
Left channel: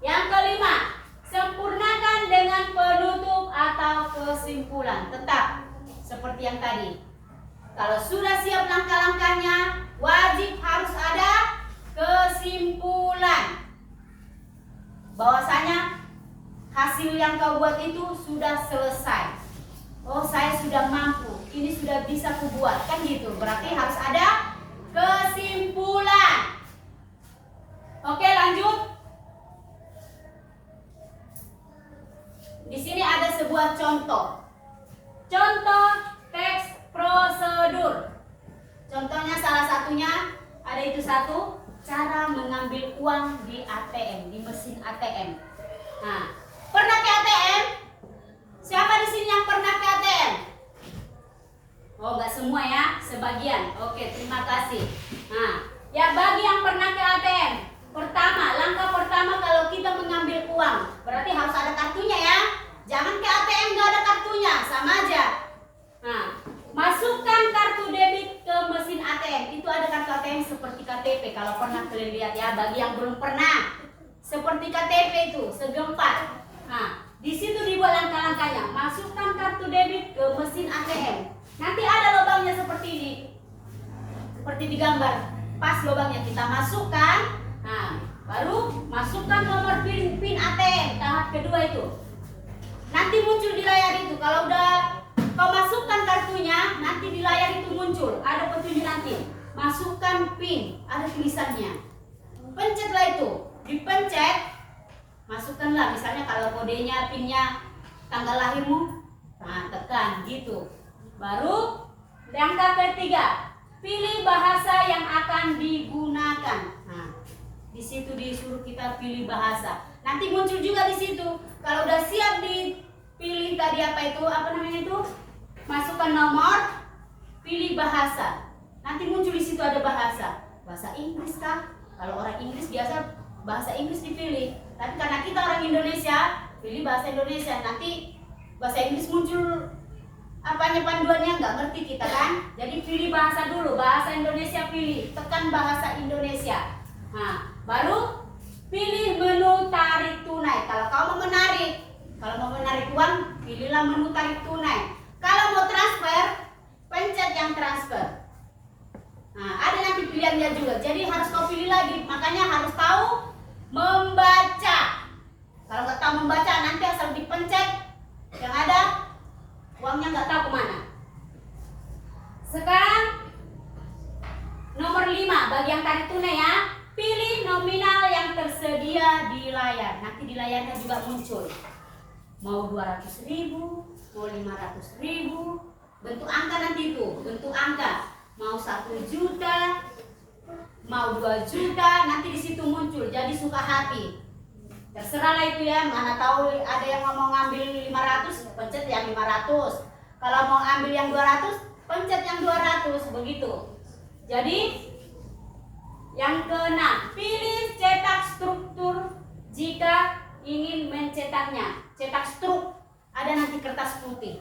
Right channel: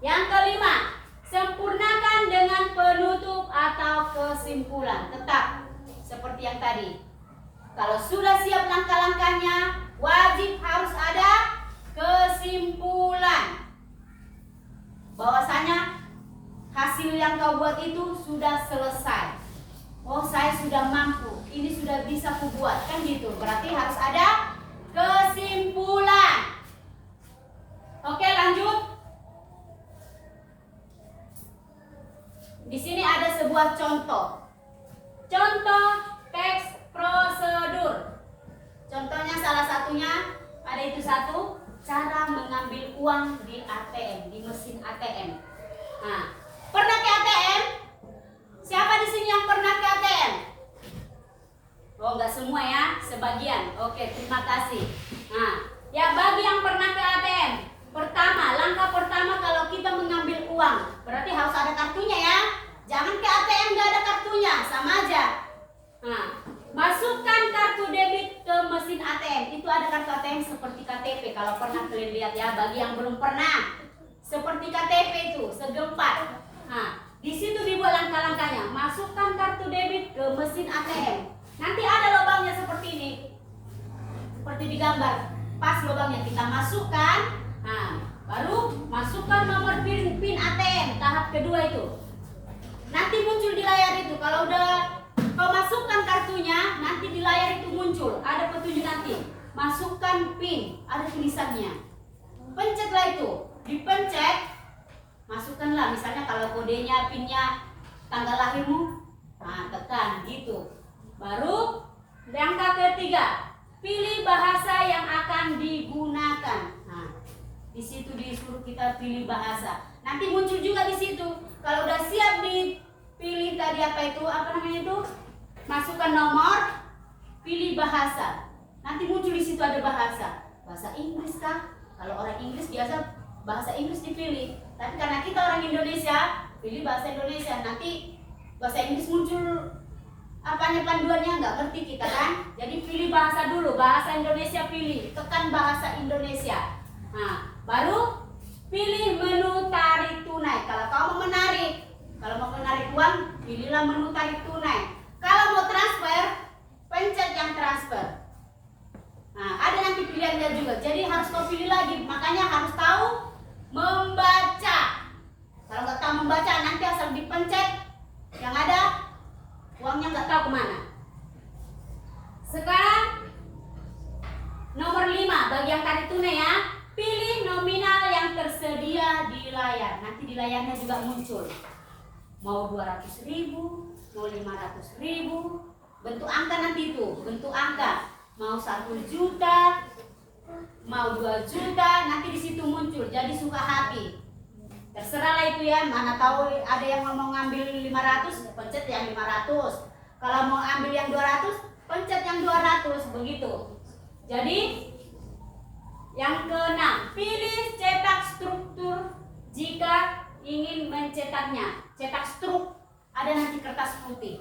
Yang kelima, sempurnakan dengan penutup atau kesimpulan. Tetap seperti yang tadi. Kalau sudah siap langkah-langkahnya, wajib harus ada kesimpulan. Bahwasanya hasil yang kau buat itu sudah selesai. Oh, saya sudah mampu. Ini sudah bisa kubuat. Kan gitu. Berarti harus ada kesimpulan. Oke, lanjut. Di sini ada sebuah contoh. Contoh teks prosedur. Contohnya salah satunya ada itu satu, cara mengambil uang di ATM, di mesin ATM. Nah, pernah ke ATM? Siapa di sini yang pernah ke ATM? Oh, enggak semua ya, sebagian. Oke, terima kasih. Nah, ya bagi yang pernah ke ATM, pertama, langkah pertama kalau kita mengambil uang, berarti harus ada kartunya ya. Jangan ke ATM nggak ada kartunya, sama aja. Nah, masukkan kartu debit ke mesin ATM. Itu ada kartu ATM seperti KTP. Kalau pernah kalian lihat ya, bagi yang belum pernah, seperti KTP itu, segempat. Nah, di situ dibuat langkah-langkahnya. Masukkan kartu debit ke mesin ATM. Nanti ada lubangnya seperti ini, seperti digambar. Pas lubangnya kita masukkan. Nah, baru masukkan nomor PIN ATM tahap kedua itu. Nanti muncul di layar itu. Kalau udah kau masukkan kartunya, nanti di layar itu muncul. Ada petunjuk nanti. Masukkan PIN, ada tulisannya. Pencetlah itu. Dipencet, masukkanlah. Misalnya kalau kodenya, PIN-nya tanggal lahirmu, nah tekan gitu. Baru Langkah ketiga, pilih bahasa yang akan digunakan. Nah, di situ disuruh kita pilih bahasa. Nanti muncul juga di situ. Kalau udah siap dipilih tadi apa namanya itu? Masukkan nomor, pilih bahasa. Nanti muncul di situ ada bahasa. Bahasa Inggris kah? Kalau orang Inggris biasa bahasa Inggris dipilih. Tapi karena kita orang Indonesia, pilih bahasa Indonesia. Nanti bahasa Inggris muncul apanya panduannya nggak ngerti kita kan? Jadi pilih bahasa dulu, bahasa Indonesia pilih, tekan bahasa Indonesia. Nah, baru pilih menu tarik tunai. Kalau kau mau menarik uang, pilihlah menu tarik tunai. Kalau mau transfer, pencet yang transfer. Nah, ada nanti pilihannya juga. Jadi harus kau pilih lagi. Makanya harus tahu membaca. Kalau nggak tahu membaca, nanti asal dipencet yang ada uangnya nggak tahu kemana. Sekarang nomor 5 bagi yang tarik tunai ya. Pilih nominal yang tersedia di layar. Nanti di layarnya juga muncul. Mau 200.000, mau 500.000. Bentuk angka nanti itu, bentuk angka. Mau 1 juta, mau 2 juta, nanti di situ muncul. Jadi suka hati. Terserah lah itu ya, mana tahu ada yang mau ngambil 500, pencet yang 500. Kalau mau ambil yang 200, pencet yang 200, begitu. Jadi yang keenam, pilih cetak struktur jika ingin mencetaknya. Cetak struk, ada nanti kertas putih.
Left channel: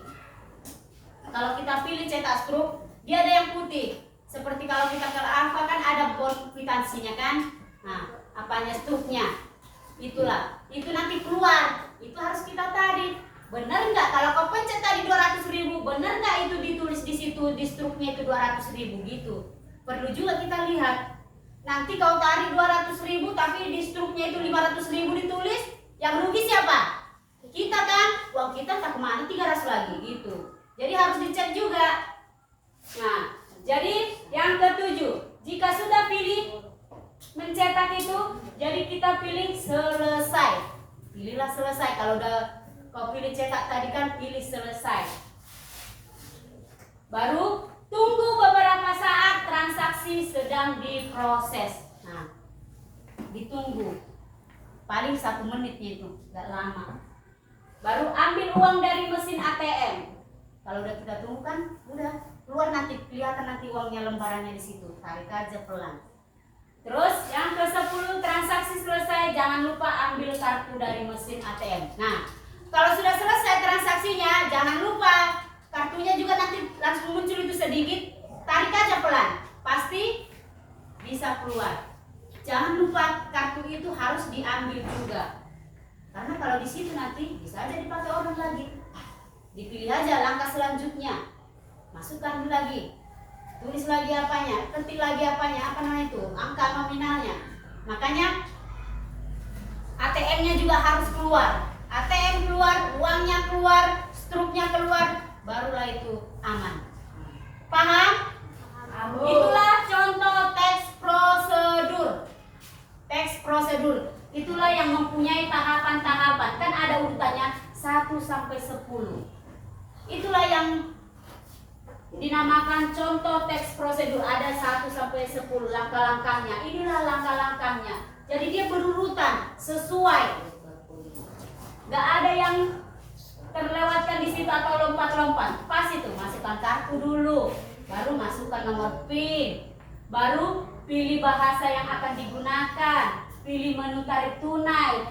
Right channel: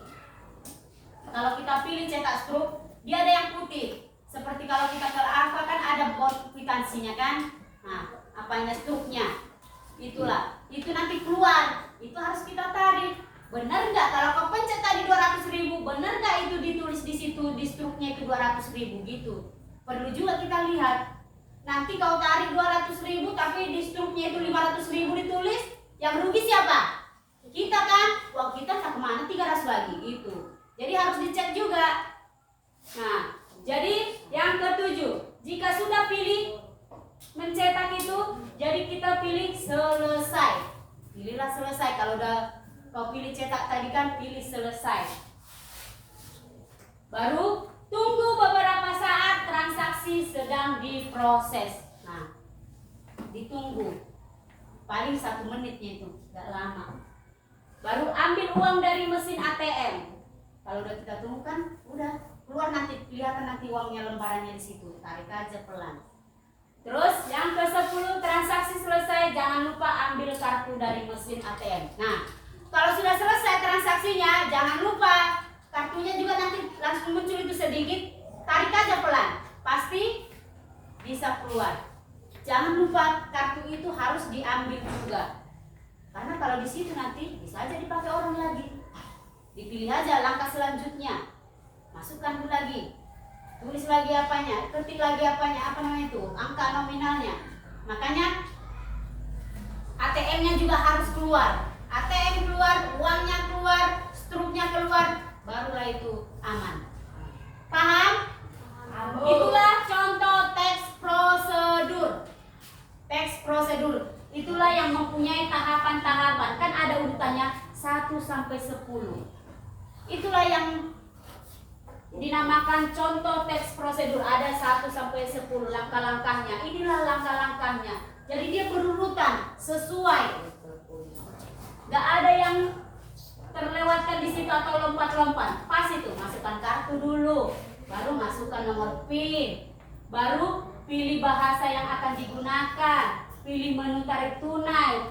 Kalau kita pilih cetak struk, dia ada yang putih. Seperti kalau kita ke Alfa kan ada bond kwitansinya kan. Nah, apanya struknya? Itulah, itu nanti keluar. Itu harus kita tarik. Benar nggak? Kalau kau pencet tadi 200.000, benar nggak itu ditulis di situ di struknya itu 200.000 gitu. Perlu juga kita lihat. Nanti kau tarik 200.000 tapi di struknya itu 500.000 ditulis, yang rugi siapa? Kita kan? Uang kita tak kemana 300 lagi gitu. Jadi harus dicek juga. Nah, jadi yang ketujuh, jika sudah pilih mencetak itu, jadi kita pilih selesai. Pilihlah selesai. Kalau udah kau pilih cetak tadi kan, pilih selesai. Baru tunggu beberapa saat, transaksi sedang diproses. Nah, ditunggu. Paling 1 menitnya itu, gak lama. Baru ambil uang dari mesin ATM. Kalau udah kita tunggu kan, udah keluar nanti, kelihatan nanti uangnya lembarannya di situ. Tarik aja pelan. Terus yang ke-10, transaksi selesai, jangan lupa ambil kartu dari mesin ATM. Nah, kalau sudah selesai transaksinya, jangan lupa kartunya juga nanti langsung muncul itu sedikit, tarik aja pelan, pasti bisa keluar. Jangan lupa kartu itu harus diambil juga, karena kalau di situ nanti bisa aja dipakai orang lagi. Dipilih aja langkah selanjutnya, masukkan lagi, tulis lagi apanya, ketik lagi apanya, apa namanya itu, angka nominalnya. Makanya ATM-nya juga harus keluar. ATM keluar, uangnya keluar, struknya keluar, barulah itu aman. Paham? Itulah contoh teks prosedur. Teks prosedur itulah yang mempunyai tahapan-tahapan. Kan ada urutannya 1 sampai 10. Itulah yang dinamakan contoh teks prosedur. Ada 1 sampai 10 langkah-langkahnya. Inilah langkah-langkahnya. Jadi dia berurutan sesuai. Gak ada yang terlewatkan di situ atau lompat-lompat. Pas itu, masukkan kartu dulu, baru masukkan nomor PIN, baru pilih bahasa yang akan digunakan, pilih menu tarik tunai,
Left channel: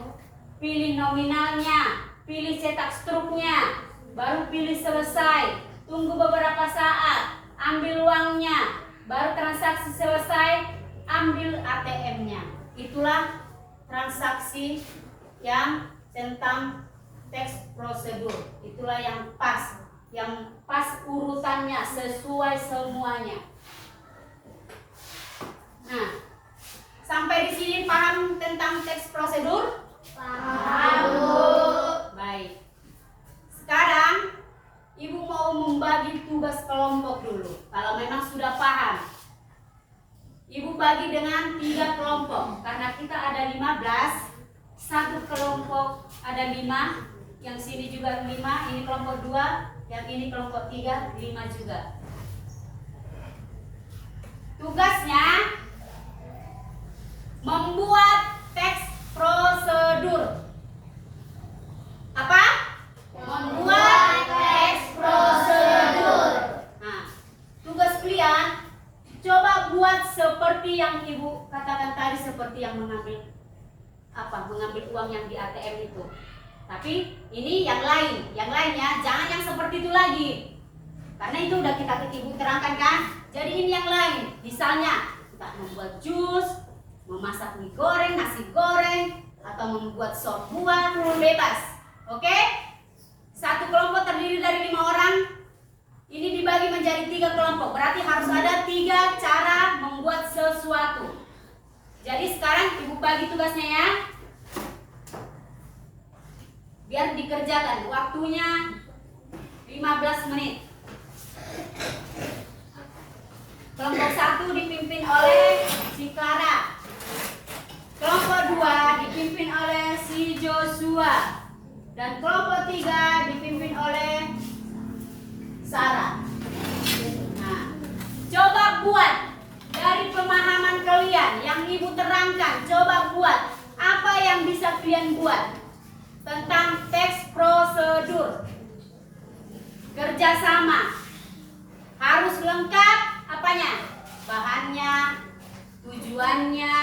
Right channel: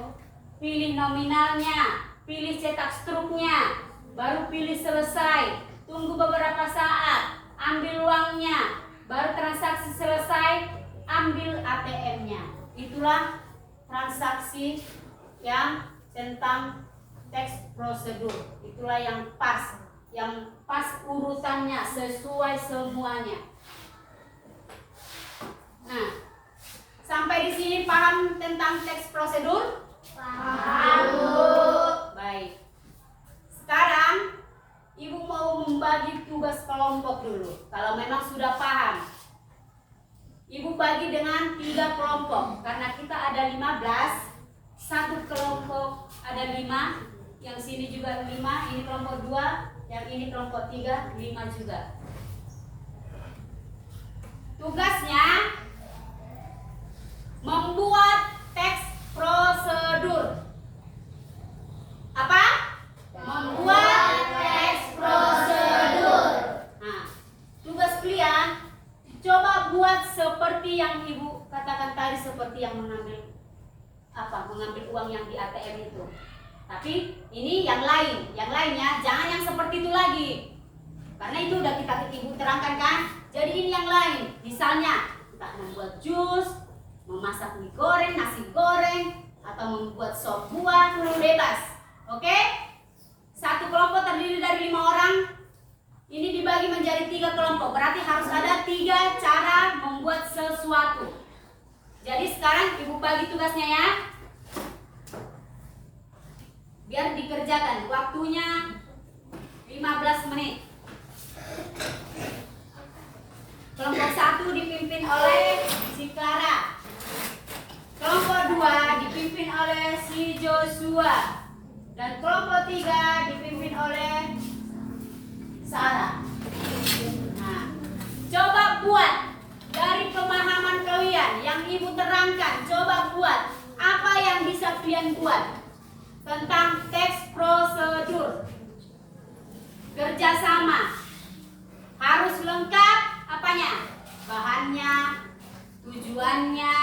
pilih nominalnya, pilih cetak struknya, baru pilih selesai. Tunggu beberapa saat, ambil uangnya, baru transaksi selesai, ambil ATM-nya. Itulah transaksi yang tentang teks prosedur. Itulah yang pas urutannya, sesuai semuanya. Nah, sampai di sini paham tentang teks prosedur? Paham. Baik. Sekarang Ibu mau membagi tugas kelompok dulu. Kalau memang sudah paham, Ibu bagi dengan 3 kelompok. Karena kita ada 15, satu kelompok ada 5, yang sini juga 5, ini kelompok 2, yang ini kelompok 3, 5 juga. sekalian, coba buat seperti yang ibu katakan tadi, seperti yang mengambil uang yang di ATM itu. Tapi ini yang lain ya, jangan yang seperti itu lagi. Karena itu udah ibu terangkan kan. Jadi ini yang lain, misalnya entah membuat jus, memasak mie goreng, nasi goreng, atau membuat sop buah, bebas. Oke? Satu kelompok terdiri dari 5 orang. Ini dibagi menjadi 3 kelompok. Berarti harus ada 3 cara membuat sesuatu. Jadi sekarang ibu bagi tugasnya ya. Biar dikerjakan. Waktunya 15 menit. Kelompok 1 dipimpin oleh si Clara. Kelompok 2 dipimpin oleh si Joshua. Dan kelompok 3 dipimpin oleh Sarah. Nah, coba buat dari pemahaman kalian yang ibu terangkan. Coba buat apa yang bisa kalian buat tentang teks prosedur. Kerjasama harus lengkap apanya? Bahannya, tujuannya.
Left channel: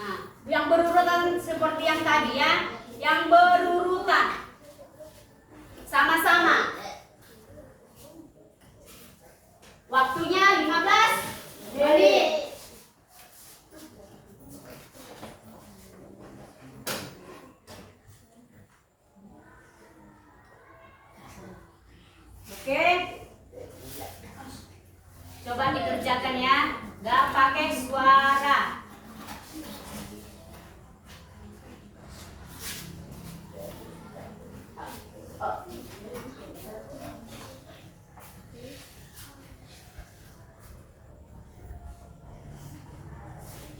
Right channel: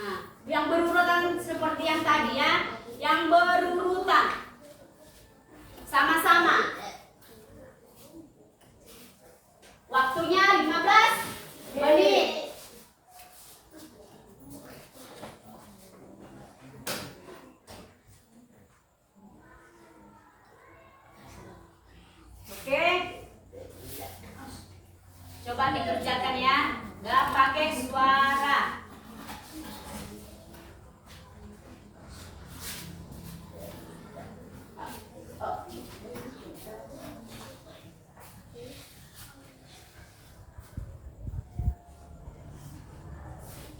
Nah, yang berurutan seperti yang tadi ya, yang berurutan sama-sama. Waktunya 15 menit. Oke. Coba dikerjakan ya. Gak pakai suara.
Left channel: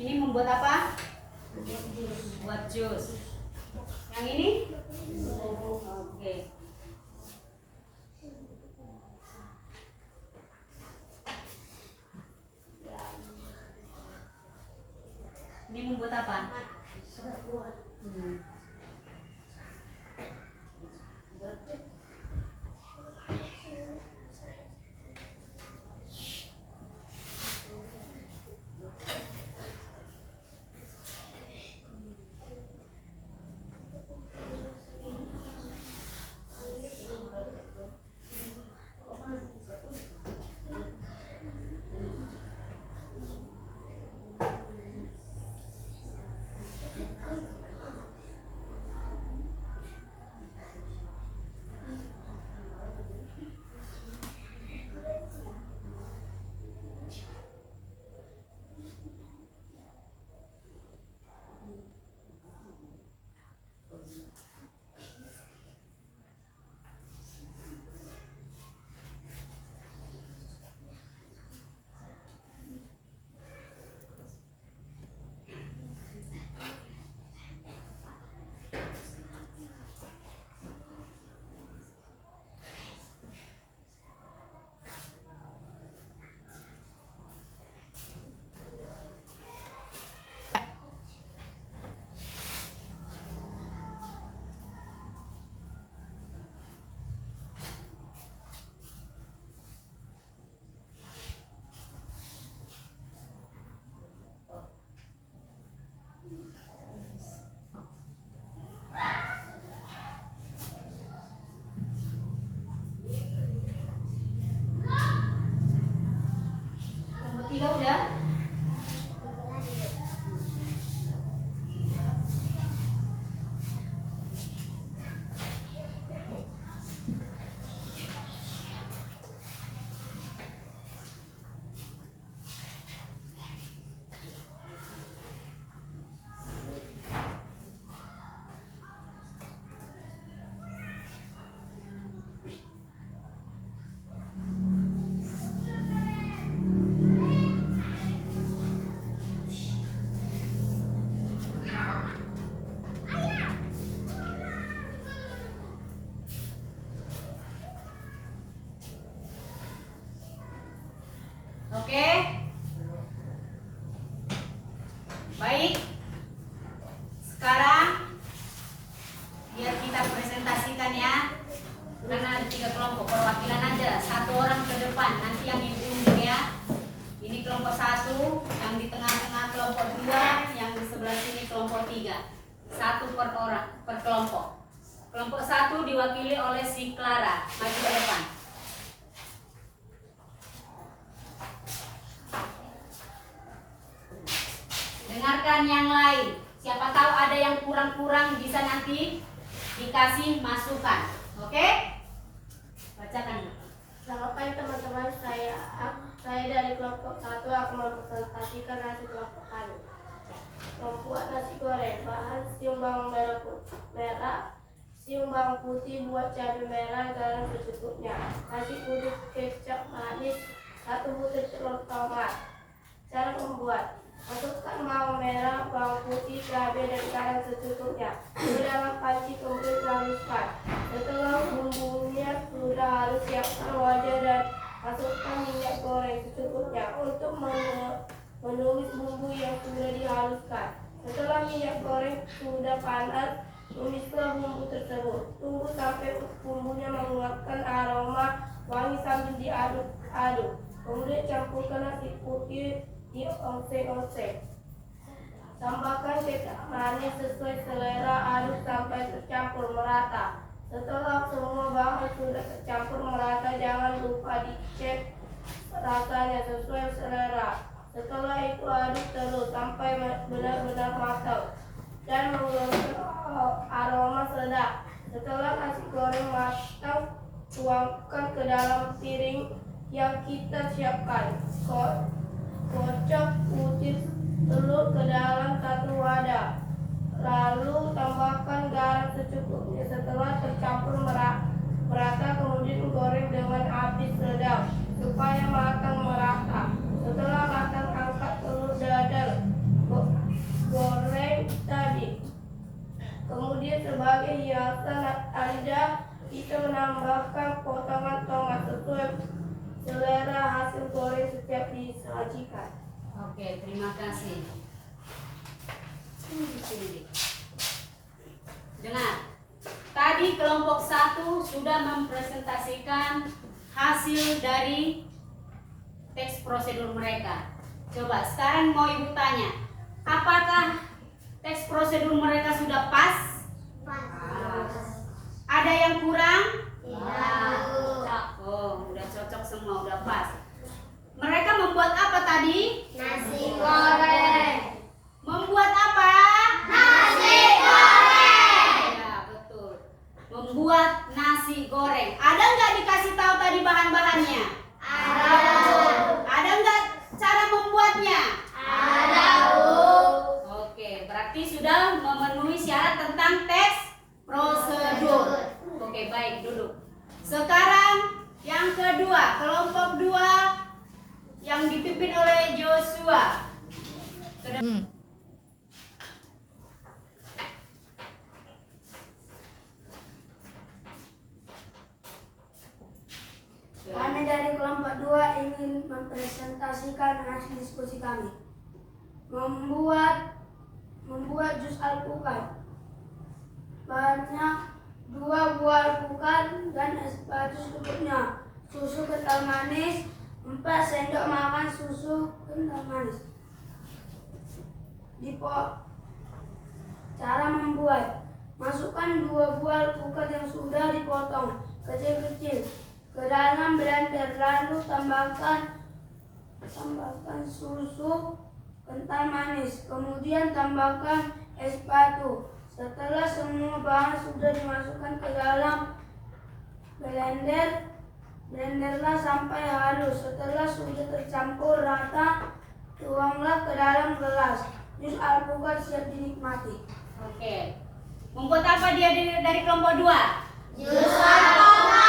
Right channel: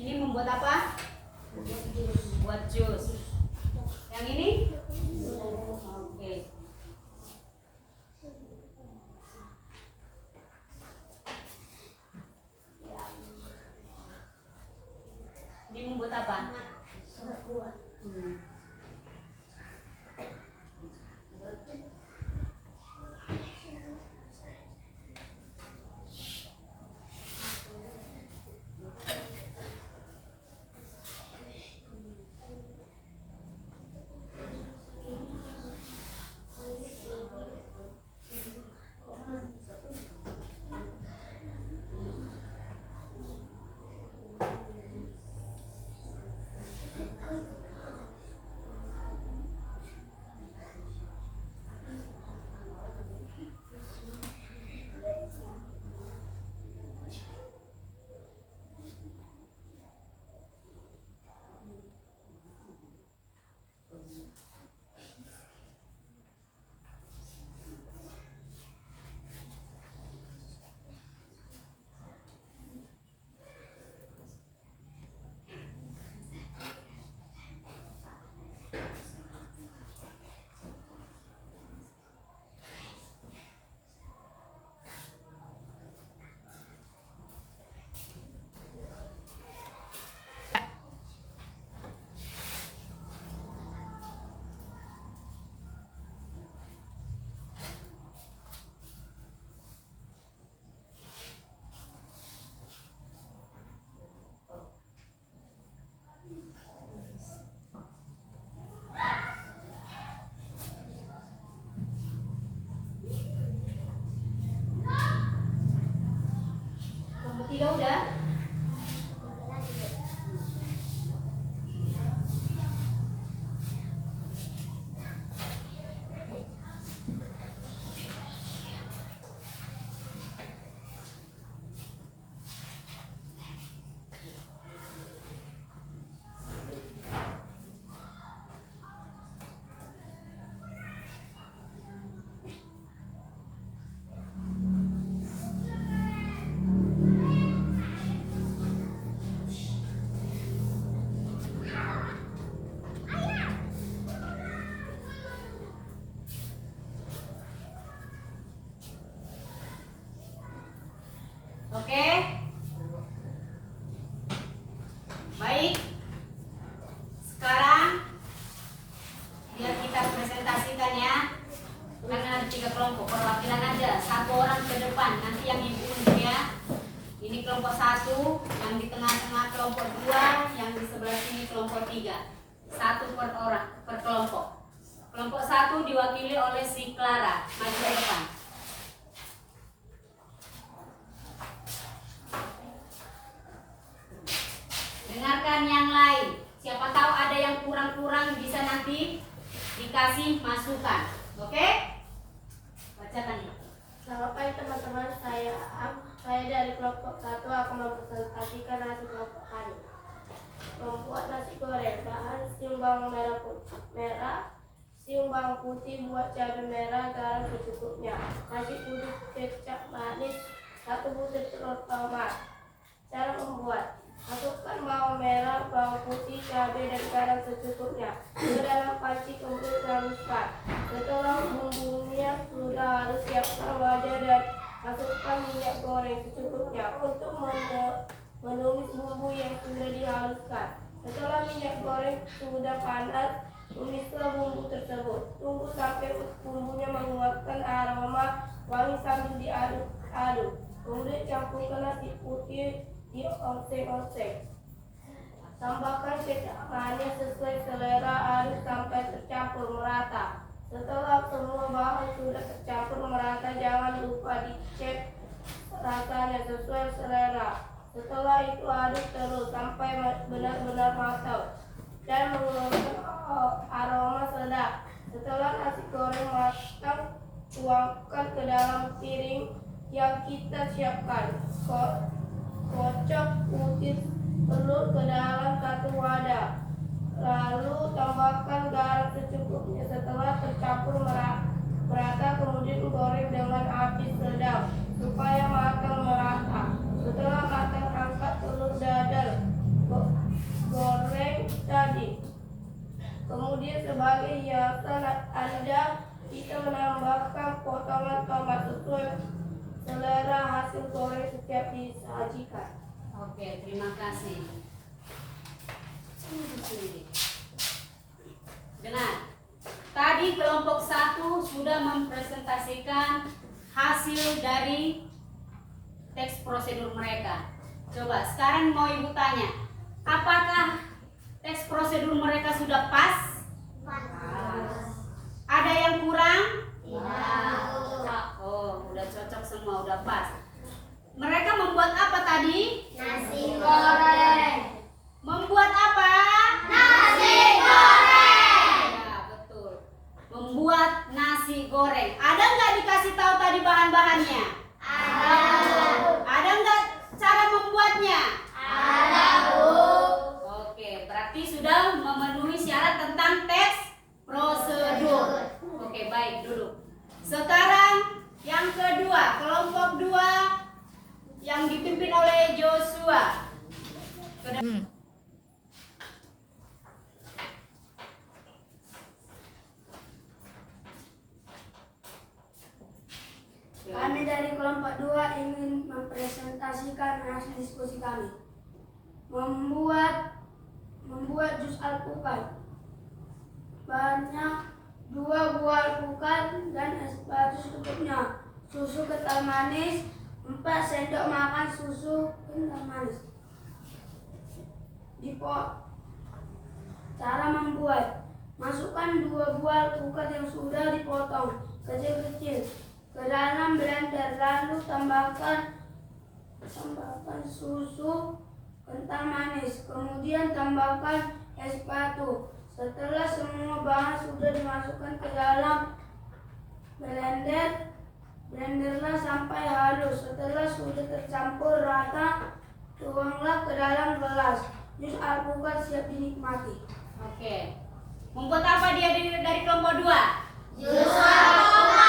Ini membuat apa? Buat jus. Yang ini? Oke. Ini membuat apa? Kelompok 3 udah? Oke. Baik. Sekarang biar kita presentasikan ya. Karena ada 3 kelompok, perwakilan aja. 1 orang ke depan, nanti yang ibu unjuk ya. kelompok 2, yang di sebelah sini kelompok 3. 1 per orang, per kelompok. Kelompok 1 diwakili oleh si Clara. Maju ke depan. Dengarkan yang lain. Siapa tahu ada yang kurang-kurang bisa nanti dikasih masukan. Oke? Bacakan. Selamat pagi teman-teman, saya dari kelompok 1 akan mempresentasikan nasi kelompok kami. Membuat nasi goreng, bahan siung bawang merah, siung bawang putih, buat cabai merah, garam secukupnya, nasi putih, kecap manis, 1 butir telur tomat. Cara membuat: masukkan bawang merah, bawang putih, cabai dan garam secukupnya ke dalam panci, kemudian haluskan. Setelah bumbunya sudah halus, siapkan wadah dan masukkan minyak goreng secukupnya untuk menumis bumbu yang sudah dihaluskan. Setelah minyak goreng sudah panas, tumislah bumbu tersebut. Tunggu sampai bumbunya mengeluarkan aroma wangi sambil diaduk-aduk. Kemudian campurkan nasi putih, dioseng-oseng. Tambahkan kecap manis sesuai selera, aduk sampai tercampur merata. Setelah semua bahan sudah tercampur merata, jangan lupa dicek rasanya sesuai selera. Setelah itu aduk terus sampai benar-benar matang dan mengeluarkan aroma sedap. Setelah nasi goreng matang, tuangkan ke dalam piring yang kita siapkan. Kocok putih telur ke dalam 1 wadah. Lalu tambahkan garam secukupnya. Setelah tercampur merata, kemudian goreng dengan api sedang supaya matang merata. Setelah matang, angkat telur dadar goreng tadi. Kemudian sebagai hiasan, Anda bisa menambahkan potongan tomat sesuai selera hasil goreng setiap disajikan. Oke, terima kasih. Dengar, tadi kelompok 1 sudah mempresentasikan hasil dari teks prosedur mereka. Coba sekarang mau ibu tanya, apakah teks prosedur mereka sudah pas? Ada yang kurang? Oh, udah cocok semua, udah pas. Mereka membuat apa tadi? Nasi goreng. Membuat apa? Nasi goreng. Ya, betul. Membuat nasi goreng. Ada nggak dikasih tahu tadi bahan-bahannya? Ada. Ada nggak cara membuatnya? Ada, Bu. Oke, berarti sudah memenuhi syarat tentang teks prosedur. Oke, baik dulu. Sekarang yang kedua, kelompok 2 yang dipimpin oleh Joshua. Kami dari kelompok 2 ingin mempresentasikan hasil diskusi kami. Membuat jus alpukat. Bahannya 2 buah alpukat dan es batu secukupnya. Susu kental manis 4 sendok makan susu kental manis. Cara membuat: masukkan 2 buah alpukat yang sudah dipotong kecil-kecil ke dalam blender, lalu tambahkan susu kental manis, kemudian tambahkan es batu. Setelah semua bahan sudah dimasukkan ke dalam blenderlah sampai halus. Setelah sudah tercampur rata, tuanglah ke dalam gelas. Jus alpukat siap dinikmati. Oke. Membuat apa dia dari kelompok 2? Jus alpukat.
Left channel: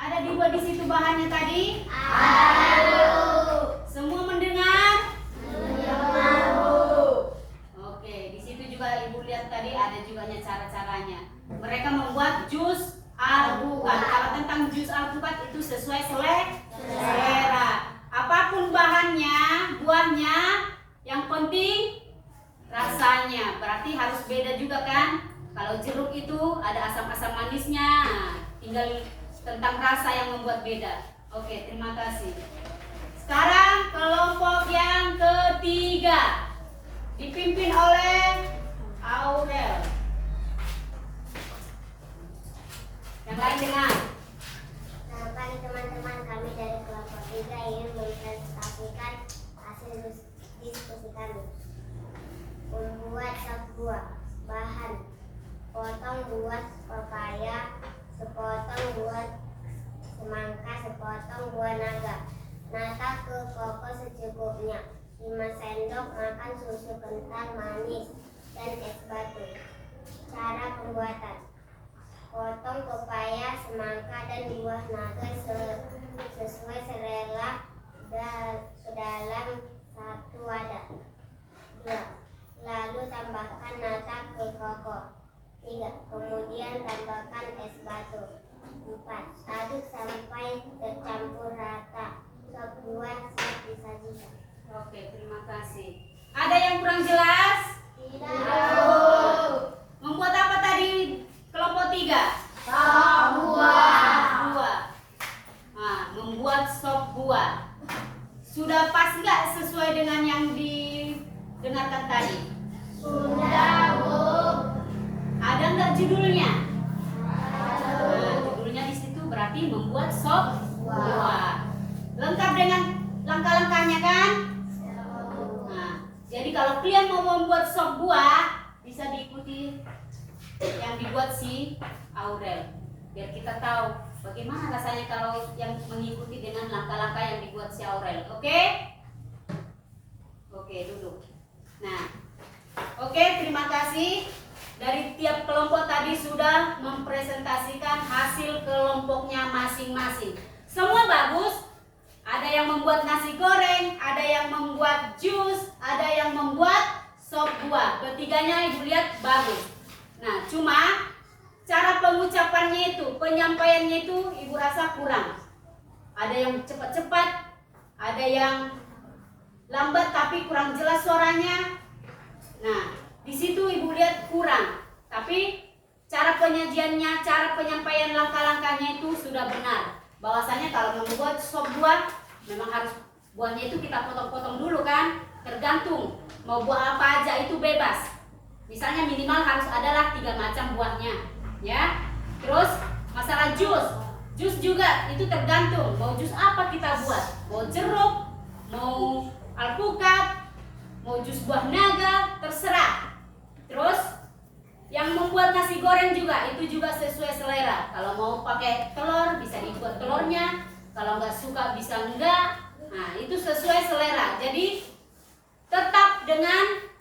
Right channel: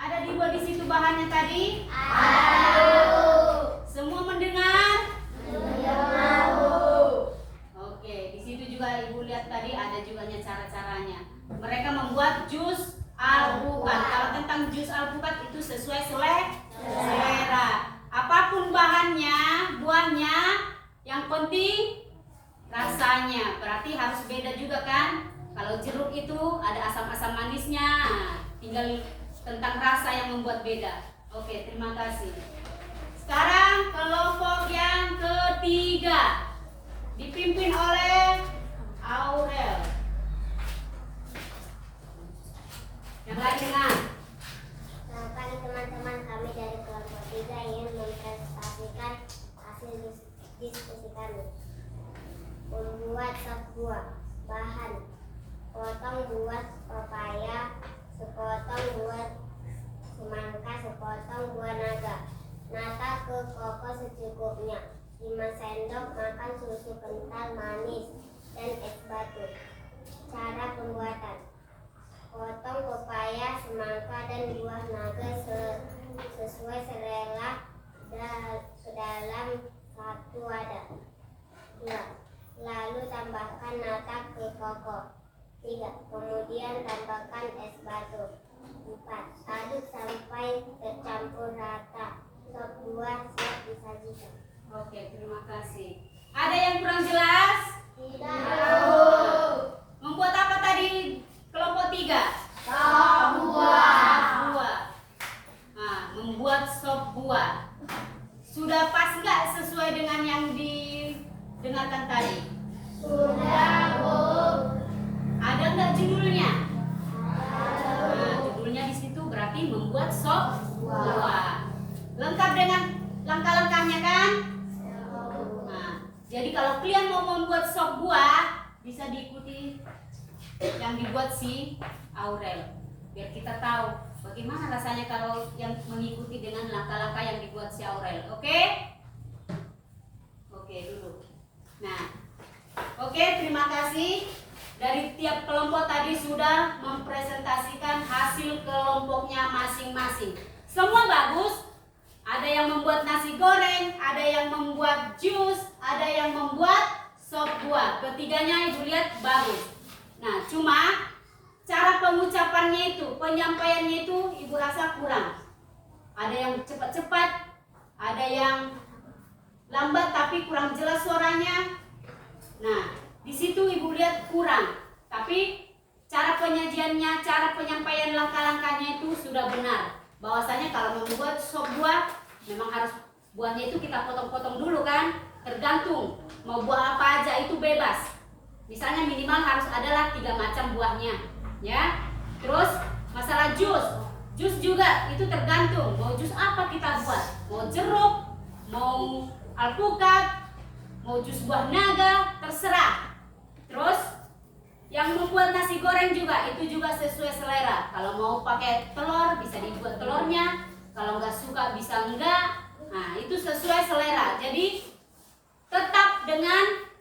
Ada dibuat di situ bahannya tadi? Ada. Semua mendengar? Mendengar. Oke, di situ juga ibu lihat tadi ada juga cara-caranya. Mereka membuat jus alpukat. Kalau tentang jus alpukat itu sesuai selera. Apapun bahannya, buahnya, yang penting rasanya. Berarti harus beda juga kan? Kalau jeruk itu ada asam-asam manisnya. Tinggal tentang rasa yang membuat beda. Oke, terima kasih. Sekarang kelompok yang dipimpin oleh Aurel. Yang lain dengar. Selamat pagi teman-teman, kami dari kelompok 3 ingin mempresentasikan hasil diskusi kami. Membuat sop buah. Bahan: potong buah pepaya, sepotong buah semangka, sepotong buah naga. Nata ke koko secukupnya. 5 sendok makan susu kental manis dan es batu. Cara pembuatan: potong pepaya, semangka, dan buah naga sesuai selera ke dalam satu wadah. 2. Lalu tambahkan nata ke koko. 3. Kemudian tambahkan es batu. 4. Aduk sampai tercampur rata. Sop buah siap disajikan. Oke, terima kasih. Ada yang kurang jelas? Tidak. Membuat apa tadi kelompok 3? Sop buah. Buah. Nah, membuat sop buah. Sudah pas nggak sesuai dengan yang didengarkan tadi? Sudah, Bu. Ada nggak judulnya? Nah, judulnya di situ berarti membuat sop buah. Lengkap dengan langkah-langkahnya kan? Nah, jadi kalau kalian mau membuat sop buah, bisa diikuti yang dibuat si Aurel. Biar kita tahu bagaimana rasanya kalau yang mengikuti dengan langkah-langkah yang dibuat si Aurel. Oke? Oke, duduk. Nah, oke, terima kasih. Dari tiap kelompok tadi sudah mempresentasikan hasil kelompoknya masing-masing. Semua bagus. Ada yang membuat nasi goreng, ada yang membuat jus, ada yang membuat sop buah. Ketiganya Ibu lihat bagus. Nah, cuma cara pengucapannya itu, penyampaiannya itu Ibu rasa kurang. Ada yang cepat-cepat, ada yang lambat tapi kurang jelas suaranya. Nah, di situ Ibu lihat kurang. Tapi cara penyajiannya, cara penyampaian langkah-langkahnya itu sudah benar. Bahwasanya kalau membuat sop buah memang harus buahnya itu kita potong-potong dulu kan, tergantung mau buah apa aja itu bebas. Misalnya minimal harus adalah 3 macam buahnya, ya. Terus masalah jus juga itu tergantung mau jus apa kita buat, mau jeruk, mau alpukat, mau jus buah naga, terserah. Terus yang membuat nasi goreng juga itu juga sesuai selera. Kalau mau pakai telur bisa dibuat telurnya, kalau nggak suka bisa enggak. Nah, itu sesuai selera. Jadi tetap dengan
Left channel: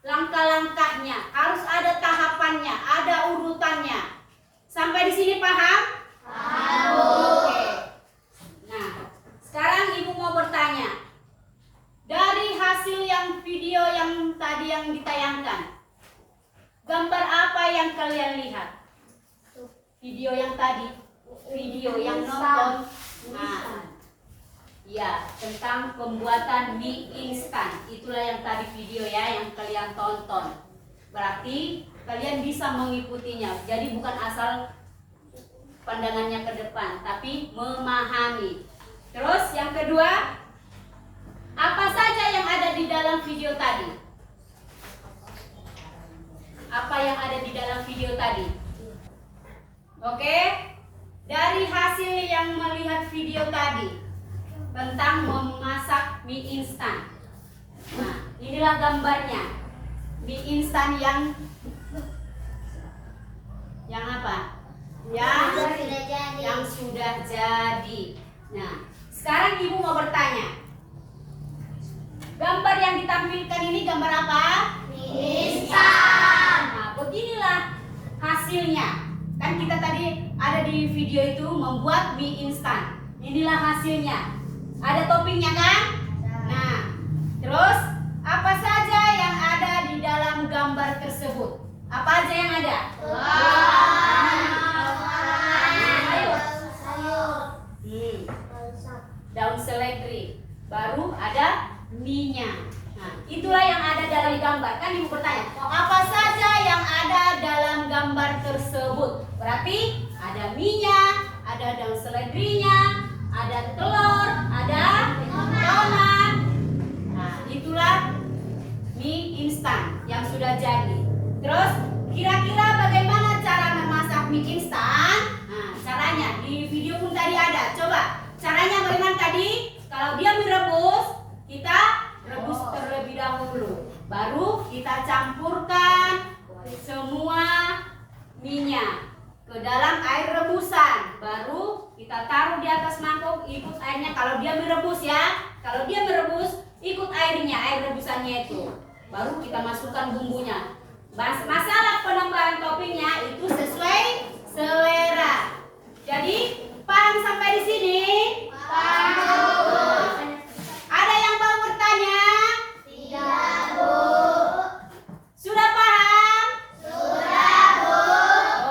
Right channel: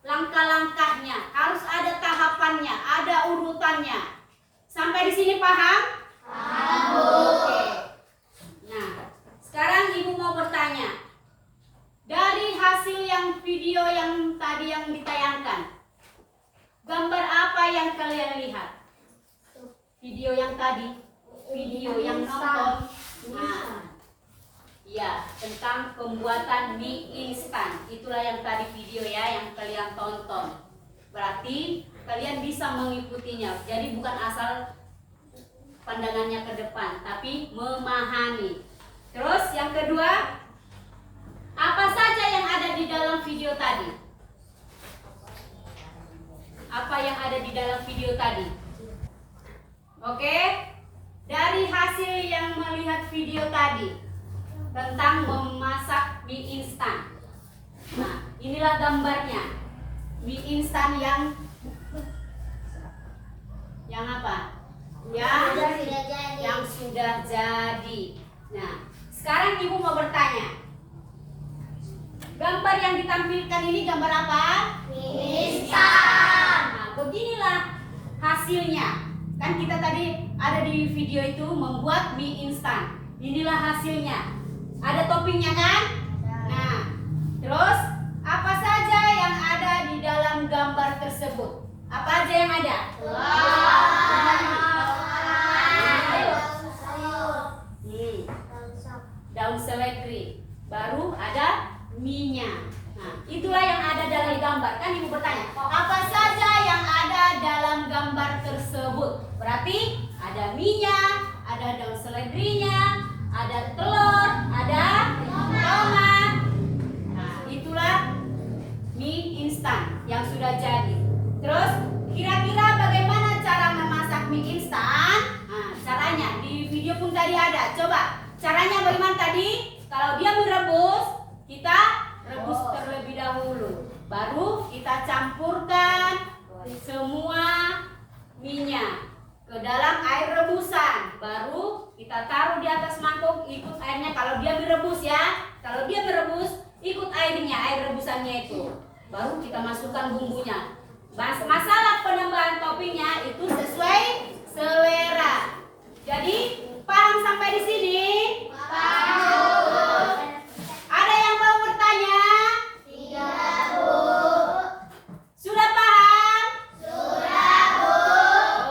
langkah-langkahnya, harus ada tahapannya, ada urutannya. Sampai di sini paham? Paham. Oke. Nah, sekarang Ibu mau bertanya. Dari hasil yang video yang tadi yang ditayangkan, gambar apa yang kalian lihat? Video yang tadi, video yang nonton. Nah, ya, tentang pembuatan mie instan. Itulah yang tadi video ya yang kalian tonton. Berarti kalian bisa mengikutinya. Jadi bukan asal pandangannya ke depan, tapi memahami. Terus yang kedua, apa saja yang ada di dalam video tadi? Apa yang ada di dalam video tadi? Oke? Dari hasil yang melihat video tadi tentang memasak mie instan. Nah, inilah gambarnya. Mie instan yang apa? Yang sudah jadi. Nah, sekarang Ibu mau bertanya. Gambar yang ditampilkan ini gambar apa? Mie instan. Nah, beginilah hasilnya. Kan kita tadi ada di video itu membuat mie instan. Inilah hasilnya. Ada toppingnya kan? Nah, terus apa saja yang ada di dalam gambar tersebut? Apa aja yang ada? Daun seledri. Baru ada mie-nya. Nah, itulah yang ada dalam gambar. Kan Ibu bertanya, apa saja yang ada dalam gambar tersebut? Berarti ada mie-nya, ada daun seledrinya, ada telur, ada tomat. Nah, itulah mie campurkan semua minyak ke dalam air rebusan. Baru kita taruh di atas mangkok, ikut airnya. Kalau dia merebus ya, kalau dia merebus ikut airnya, air rebusannya itu. Baru kita masukkan bumbunya. Masalah penambahan toppingnya itu sesuai selera. Jadi paham sampai di sini? Paham. Ada yang mau bertanya? Tidak, Bu. Sudah paham? Sudah, Bu.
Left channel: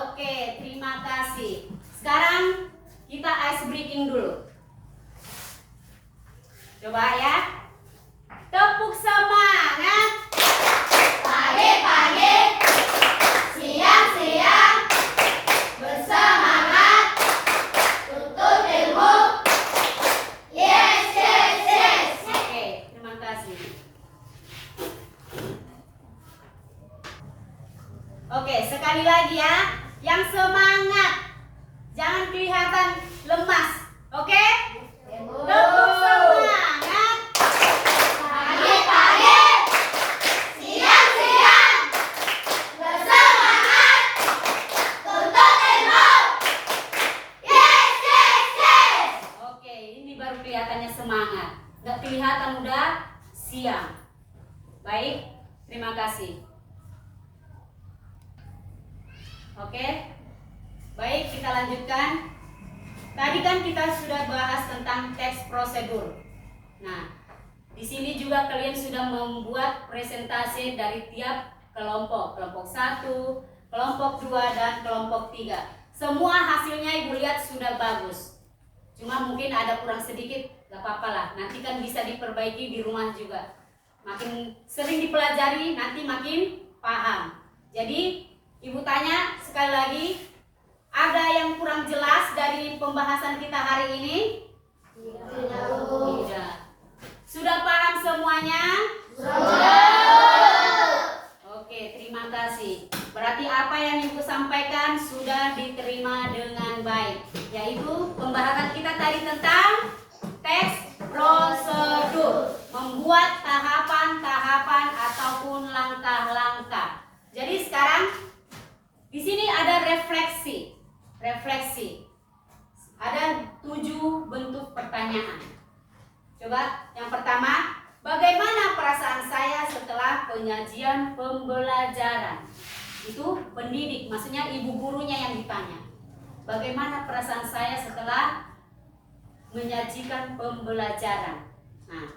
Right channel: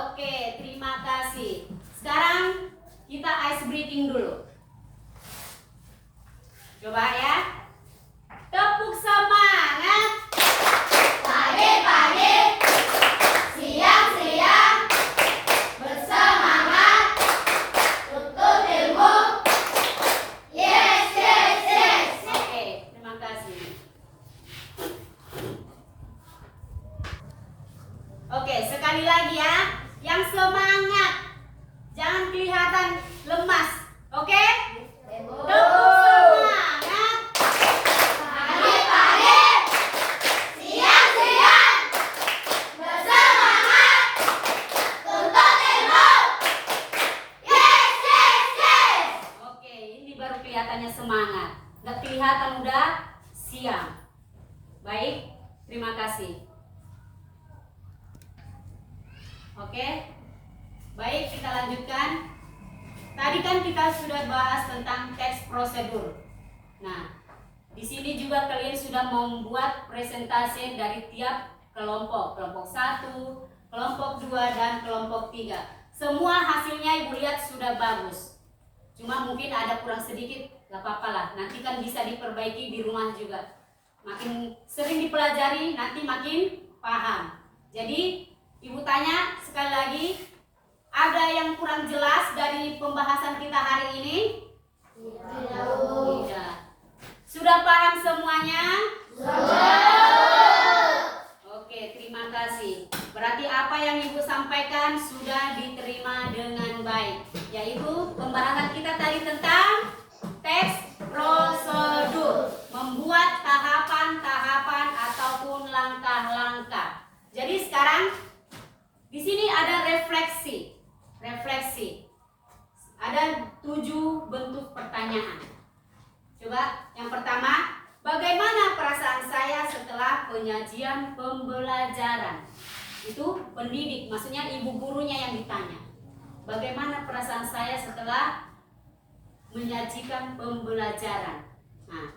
Oke, terima kasih. Sekarang kita ice breaking dulu. Coba ya. Tepuk semangat. Pagi-pagi, siang-siang, bersemangat, tuntut ilmu. Yes, yes, yes. Oke, terima kasih. Oke, sekali lagi ya. Yang semangat. Jangan kelihatan lemas. Oke? Tepuk semangat. Pagi-pagi, siang-siang, bersemangat, tuntut ilmu. Yes, yes, yes. Oke, ini baru kelihatannya semangat. Nggak kelihatan udah siang. Baik, terima kasih. Oke, baik, kita lanjutkan. Tadi kan kita sudah bahas tentang teks prosedur. Nah, di sini juga kalian sudah membuat presentasi dari tiap kelompok. Kelompok 1, kelompok 2, dan kelompok 3. Semua hasilnya Ibu lihat sudah bagus. Cuma mungkin ada kurang sedikit, gak apa-apa lah. Nanti kan bisa diperbaiki di rumah juga. Makin sering dipelajari, nanti makin paham. Jadi, Ibu tanya sekali lagi, ada yang kurang jelas dari pembahasan kita hari ini? Tidak. Sudah paham semuanya? Oke, terima kasih. Berarti apa yang Ibu sampaikan sudah diterima dengan baik. Yaitu pembahasan kita tadi tentang teks prosedur. Membuat tahapan-tahapan ataupun langkah-langkah. Jadi sekarang di sini ada refleksi. Ada 7 bentuk pertanyaan. Coba yang pertama, bagaimana perasaan saya setelah penyajian pembelajaran? Itu pendidik, maksudnya ibu gurunya yang ditanya. Bagaimana perasaan saya setelah menyajikan pembelajaran? Nah,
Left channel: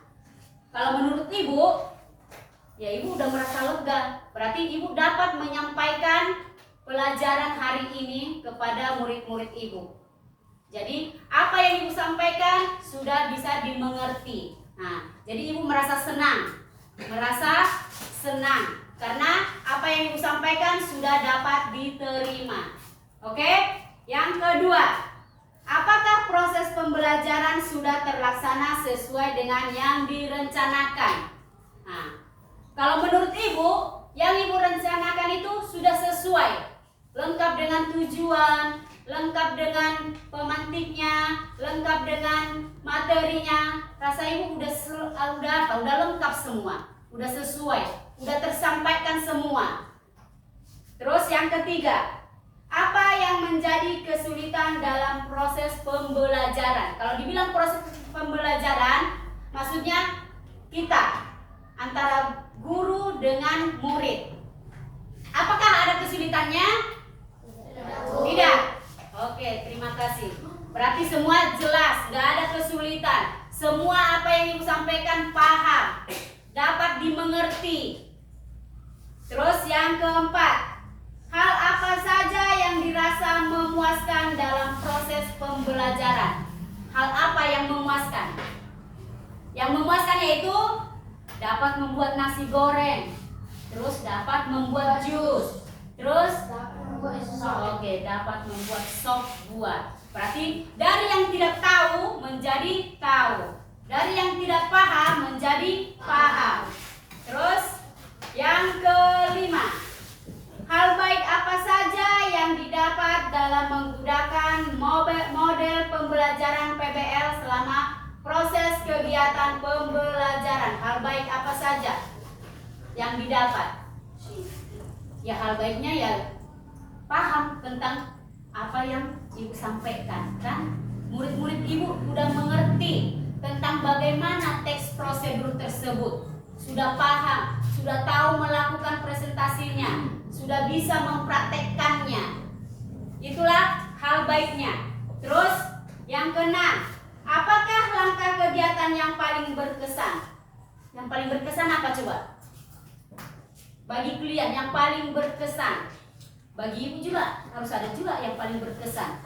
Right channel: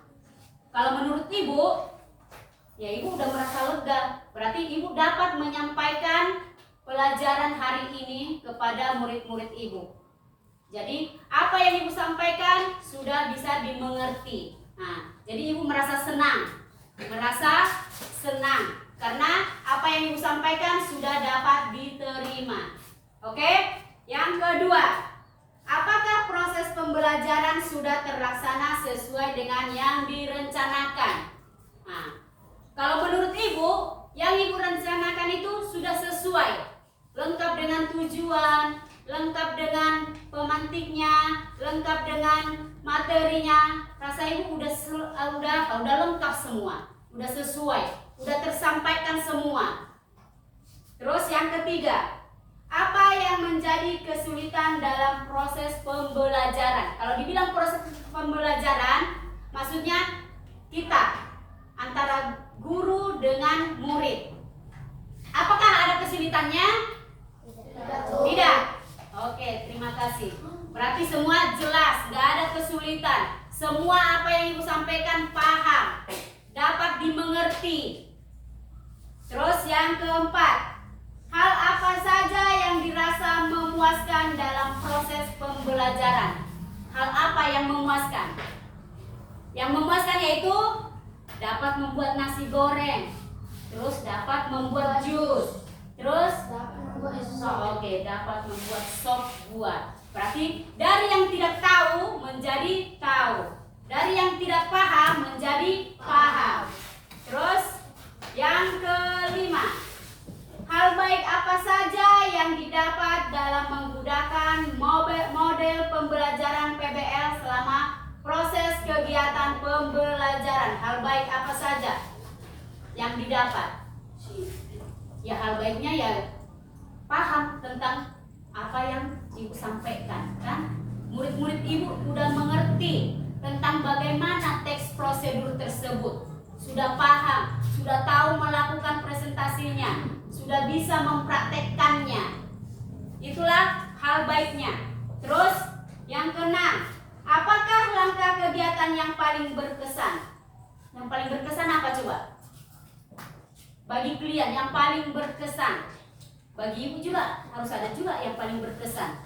kalau menurut ibu, ya ibu udah merasa lega. Berarti ibu dapat menyampaikan pelajaran hari ini kepada murid-murid ibu. Jadi apa yang ibu sampaikan sudah bisa dimengerti. Nah, jadi ibu merasa senang, karena apa yang ibu sampaikan sudah dapat diterima. Oke? Yang kedua, apakah proses pembelajaran sudah terlaksana sesuai dengan yang direncanakan? Nah, kalau menurut ibu, yang ibu rencanakan itu sudah sesuai. Lengkap dengan tujuan, lengkap dengan pemantiknya, lengkap dengan materinya. Rasa ibu udah lengkap semua, udah sesuai, udah tersampaikan semua. Terus yang ketiga, apa yang menjadi kesulitan dalam proses pembelajaran? Kalau dibilang proses pembelajaran, maksudnya kita antara guru dengan murid. Apakah ada kesulitannya? Tidak. Oke, terima kasih. Berarti semua jelas, gak ada kesulitan. Semua apa yang ibu sampaikan paham, dapat dimengerti. Terus yang keempat, hal apa saja yang dirasa memuaskan dalam proses pembelajaran? Hal apa yang memuaskan? Yang memuaskan yaitu dapat membuat nasi goreng, terus dapat membuat jus, terus dapat membuat sop buah. Berarti dari yang tidak tahu menjadi tahu, dari yang tidak paham menjadi paham. Terus yang kelima, hal baik apa saja yang didapat dalam menggunakan model pembelajaran PBL selama proses kegiatan pembelajaran? Hal baik apa saja yang didapat? Ya hal baiknya ya paham tentang apa yang ibu sampaikan, kan? Murid-murid ibu udah mengerti tentang bagaimana teks prosedur tersebut, sudah paham, sudah tahu melakukan presentasinya, sudah bisa mempraktekkannya. Itulah hal baiknya. Terus yang keenam, apakah langkah kegiatan yang paling berkesan? Yang paling berkesan apa coba? Bagi kalian yang paling berkesan. Bagi ibu juga harus ada juga yang paling berkesan.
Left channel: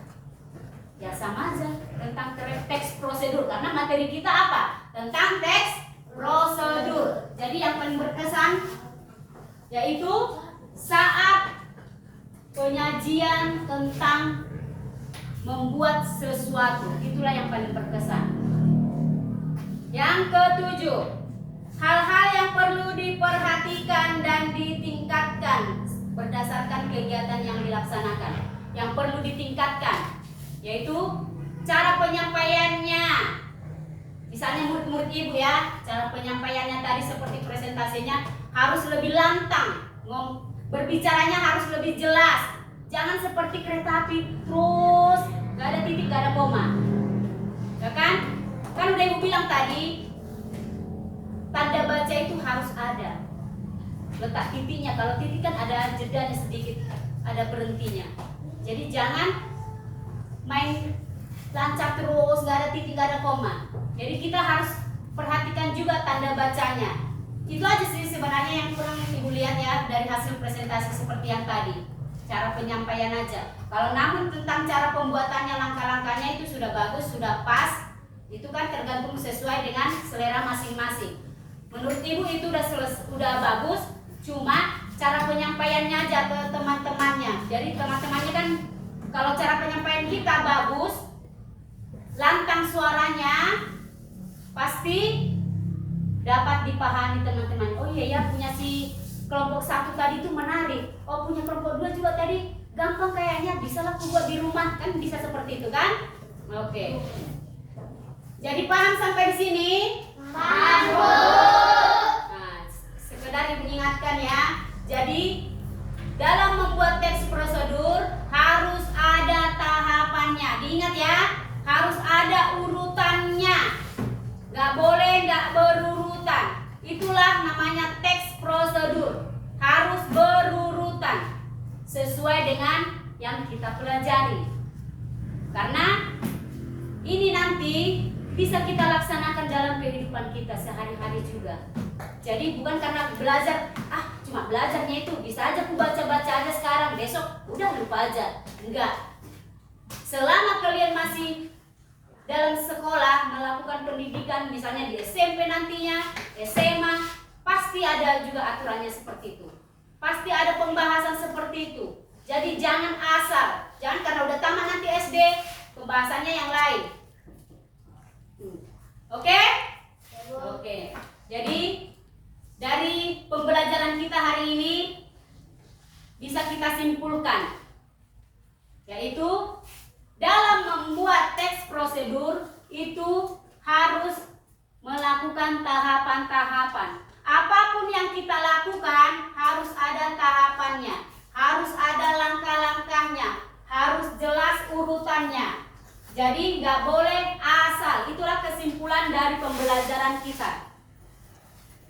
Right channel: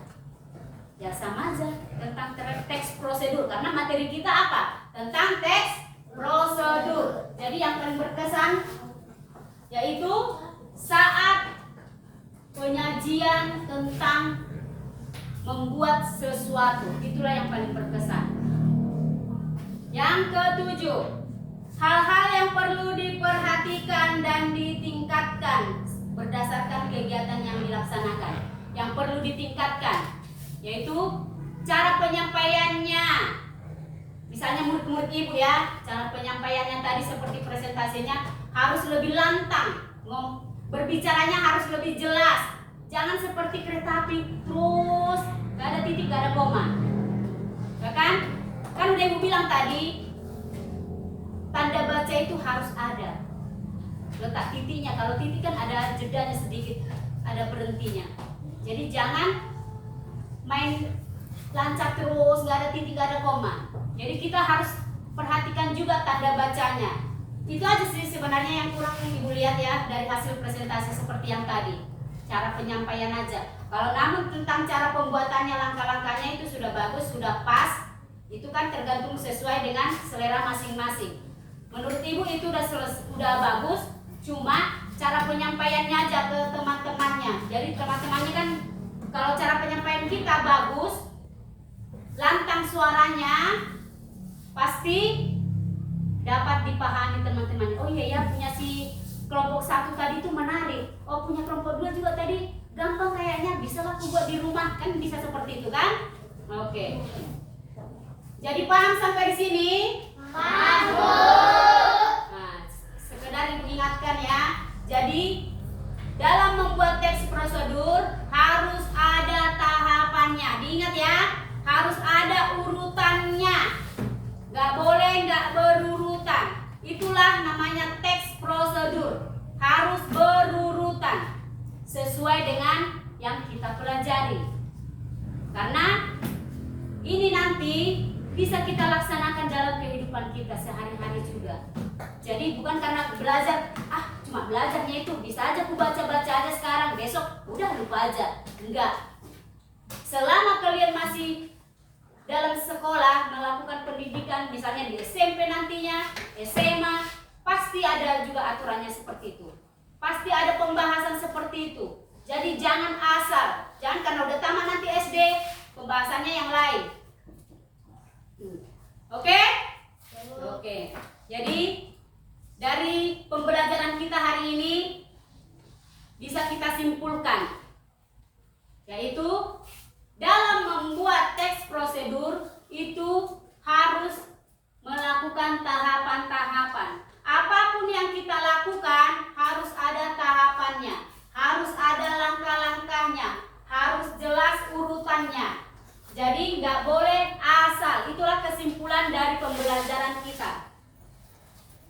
Ya sama aja tentang teks prosedur, karena materi kita apa? Tentang teks prosedur. Jadi yang paling berkesan yaitu saat penyajian tentang membuat sesuatu. Itulah yang paling berkesan. Yang ketujuh, hal-hal yang perlu diperhatikan dan ditingkatkan berdasarkan kegiatan yang dilaksanakan. Yang perlu ditingkatkan yaitu cara penyampaiannya. Misalnya murid-murid ibu ya, cara penyampaiannya tadi seperti presentasinya harus lebih lantang, berbicaranya harus lebih jelas. Jangan seperti kereta api terus gak ada titik, gak ada koma, ya kan? Kan udah ibu bilang tadi, tanda baca itu harus ada letak titiknya. Kalau titik kan ada jedanya sedikit, ada berhentinya. Jadi jangan main lancar terus, gak ada titik, gak ada koma. Jadi kita harus perhatikan juga tanda bacanya. Itu aja sih sebenarnya yang kurang ibu lihat ya dari hasil presentasi seperti yang tadi. Cara penyampaian aja. Kalau namun tentang cara pembuatannya, langkah-langkahnya itu sudah bagus, sudah pas. Itu kan tergantung sesuai dengan selera masing-masing. Menurut ibu itu udah bagus, cuma cara penyampaiannya aja ke teman-temannya. Jadi teman-temannya kan kalau cara penyampaian kita bagus, lantang suaranya, pasti dapat dipahami teman-teman. Oh iya ya, punya si kelompok 1 tadi itu menarik. Oh punya kelompok 2 juga tadi gampang kayaknya, bisa lah aku buat di rumah. Kan bisa seperti itu kan? Oke. Jadi paham sampai di sini? Paham, Bu. Nah, sekedar ibu ingatkan ya. Jadi dalam membuat teks prosedur harus ada tahapannya. Diingat ya, harus ada urutannya. Gak boleh gak berurutan. Itulah namanya teks prosedur. Harus berurutan sesuai dengan yang kita pelajari. Karena ini nanti bisa kita laksanakan dalam kehidupan kita sehari-hari juga. Jadi bukan karena belajar, cuma belajarnya itu bisa aja aku baca-baca aja sekarang, besok udah lupa aja. Enggak. Selama kalian masih dalam sekolah melakukan pendidikan, misalnya di SMP nantinya, SMA, pasti ada juga aturannya seperti itu. Pasti ada pembahasan seperti itu. Jadi jangan asal, jangan karena udah tamat nanti SD, pembahasannya yang lain. Oke? Oke. Jadi dari pembelajaran kita hari ini bisa kita simpulkan, yaitu dalam membuat teks prosedur itu harus melakukan tahapan-tahapan. Apapun yang kita lakukan harus ada tahapannya, harus ada langkah-langkahnya, harus jelas urutannya. Jadi nggak boleh asal. Itulah kesimpulan dari pembelajaran kita.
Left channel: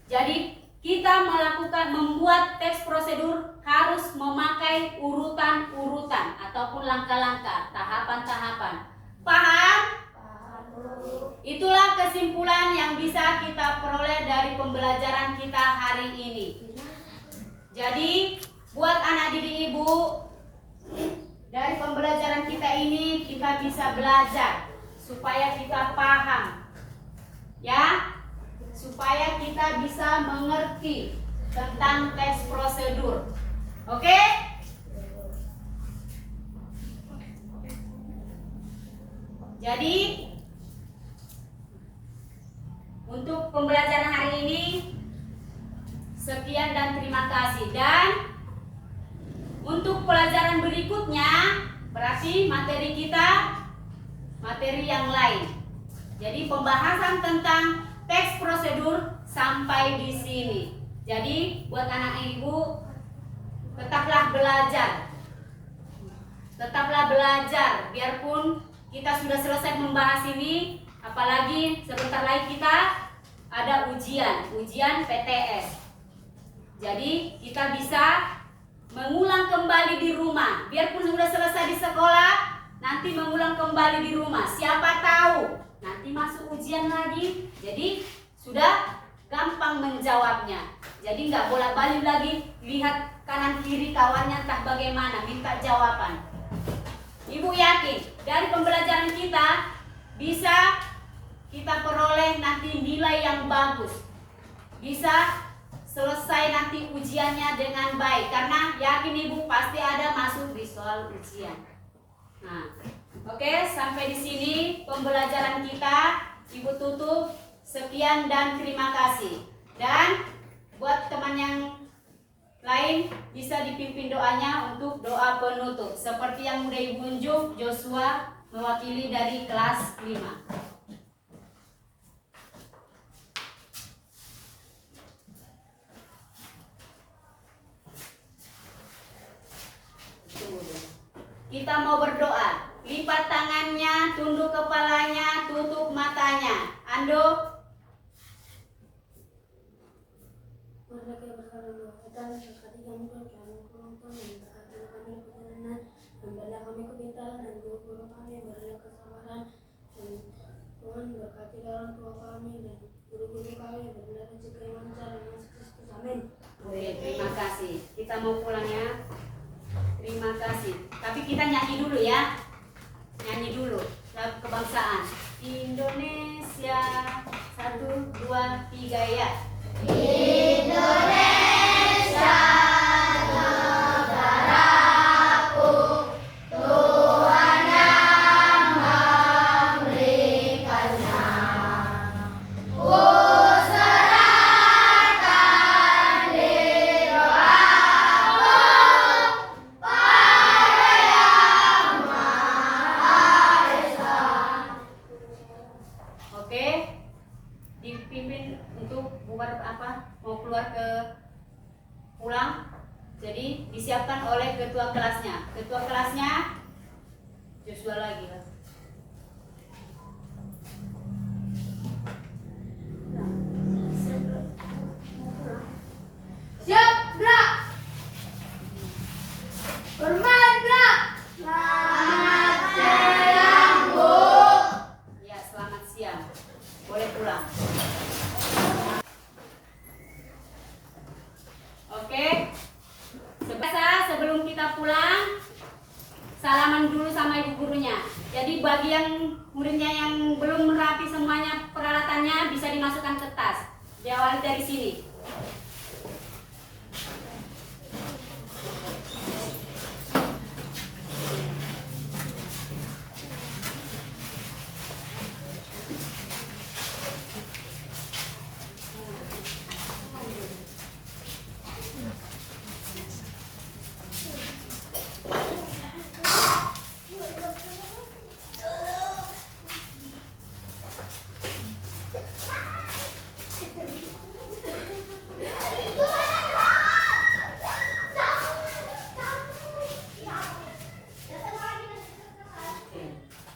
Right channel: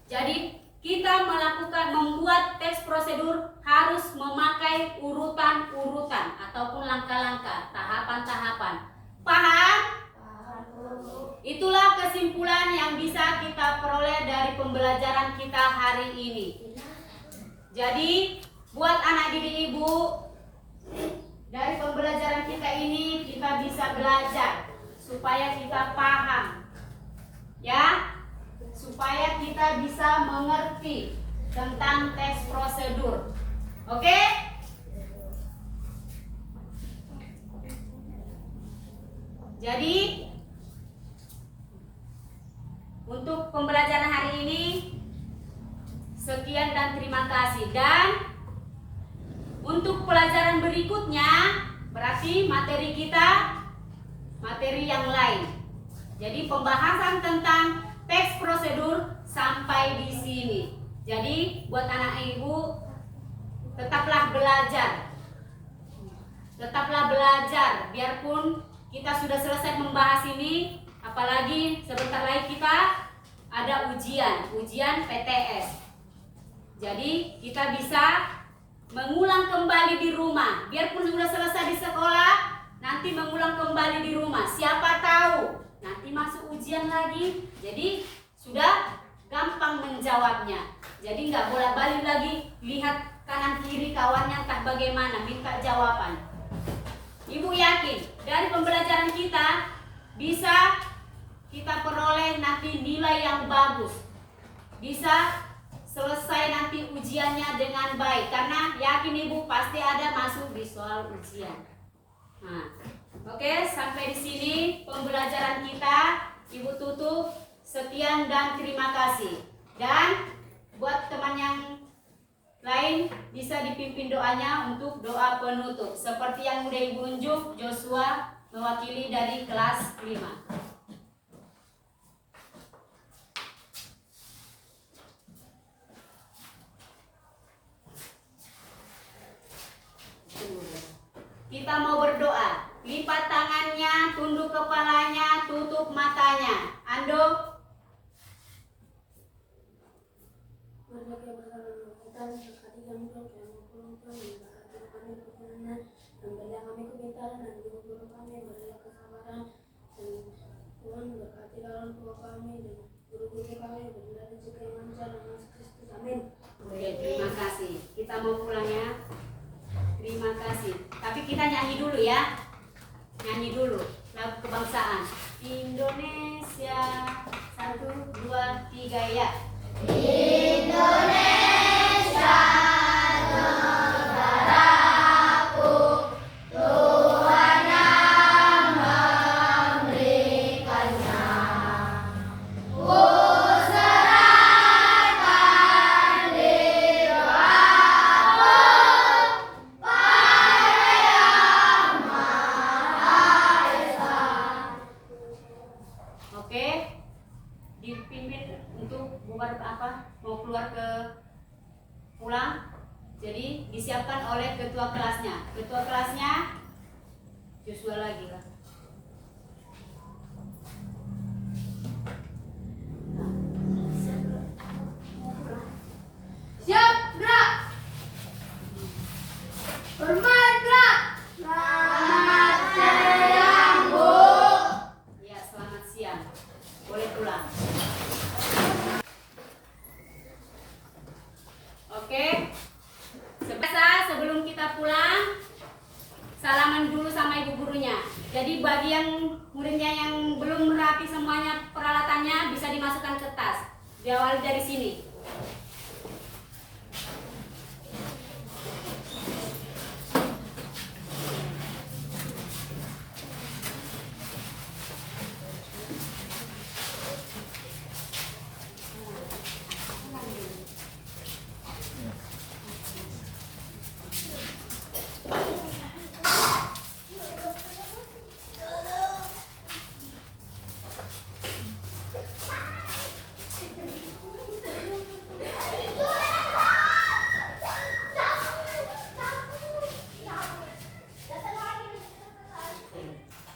Jadi kita membuat teks prosedur harus memakai urutan-urutan ataupun langkah-langkah, tahapan-tahapan. Paham? Itulah kesimpulan yang bisa kita peroleh dari pembelajaran kita hari ini. Jadi buat anak didik ibu, dari pembelajaran kita ini kita bisa belajar supaya kita paham, ya, supaya kita bisa mengerti tentang teks prosedur. Oke? Jadi untuk pembelajaran hari ini sekian dan terima kasih. Dan untuk pelajaran berikutnya berarti materi kita materi yang lain. Jadi pembahasan tentang teks prosedur sampai di sini. Jadi buat anak ibu tetaplah belajar. Tetaplah belajar, biarpun kita sudah selesai membahas ini, apalagi sebentar lagi kita ada ujian PTS. Jadi kita bisa mengulang kembali di rumah, biarpun sudah selesai di sekolah, nanti mengulang kembali di rumah. Siapa tahu nanti masuk ujian lagi, jadi sudah gampang menjawabnya. Jadi nggak bolak-balik lagi lihat kanan kiri kawannya entah bagaimana minta jawaban. Ibu yakin dari pembelajaran kita bisa kita peroleh nanti nilai yang bagus, bisa selesai nanti ujiannya dengan baik, karena yakin ibu pasti ada masuk di soal ujian. Nah, oke, sampai di sini pembelajaran kita. Ibu tutup. Sekian dan terima kasih. Dan buat teman yang lain bisa dipimpin doanya untuk doa penutup, seperti yang udah ibu unjuk. Joshua mewakili dari kelas 5. Kita mau berdoa. Lipat tangannya, tunduk kepalanya, tutup matanya. Ando. Mereka berkata, berkati kami dan kami berkati kami kebenaran, berilah kami kepintaran dan guru-guru kami, berilah kesabaran, dan Tuhan berkati orang tua kami dan guru-guru kami, berilah rezeki yang lancar dan Yesus Kristus. Amin. Oke, terima kasih. Kita mau pulang ya. Terima kasih. Tapi kita nyanyi dulu ya. Nyanyi dulu lagu kebangsaan Indonesia. 1, 2, 3 ya. Indonesia negaraku, Tuhan yang memberikannya. Ku serahkan di doaku pada Yang Maha Esa. Oke, dipimpin untuk bubar apa, mau keluar ke pulang. Jadi disiapkan oleh ketua kelasnya. Ketua kelasnya Joshua lagi lah. Siap, gerak. Hormat, gerak. Selamat siang, Bu. Ya, selamat siang. Boleh pulang. Oke. Sebelum kita pulang, salaman dulu sama ibu gurunya. Jadi bagi yang muridnya yang belum merapi semuanya peralatannya bisa dimasukkan ke tas. Diawali dari sini.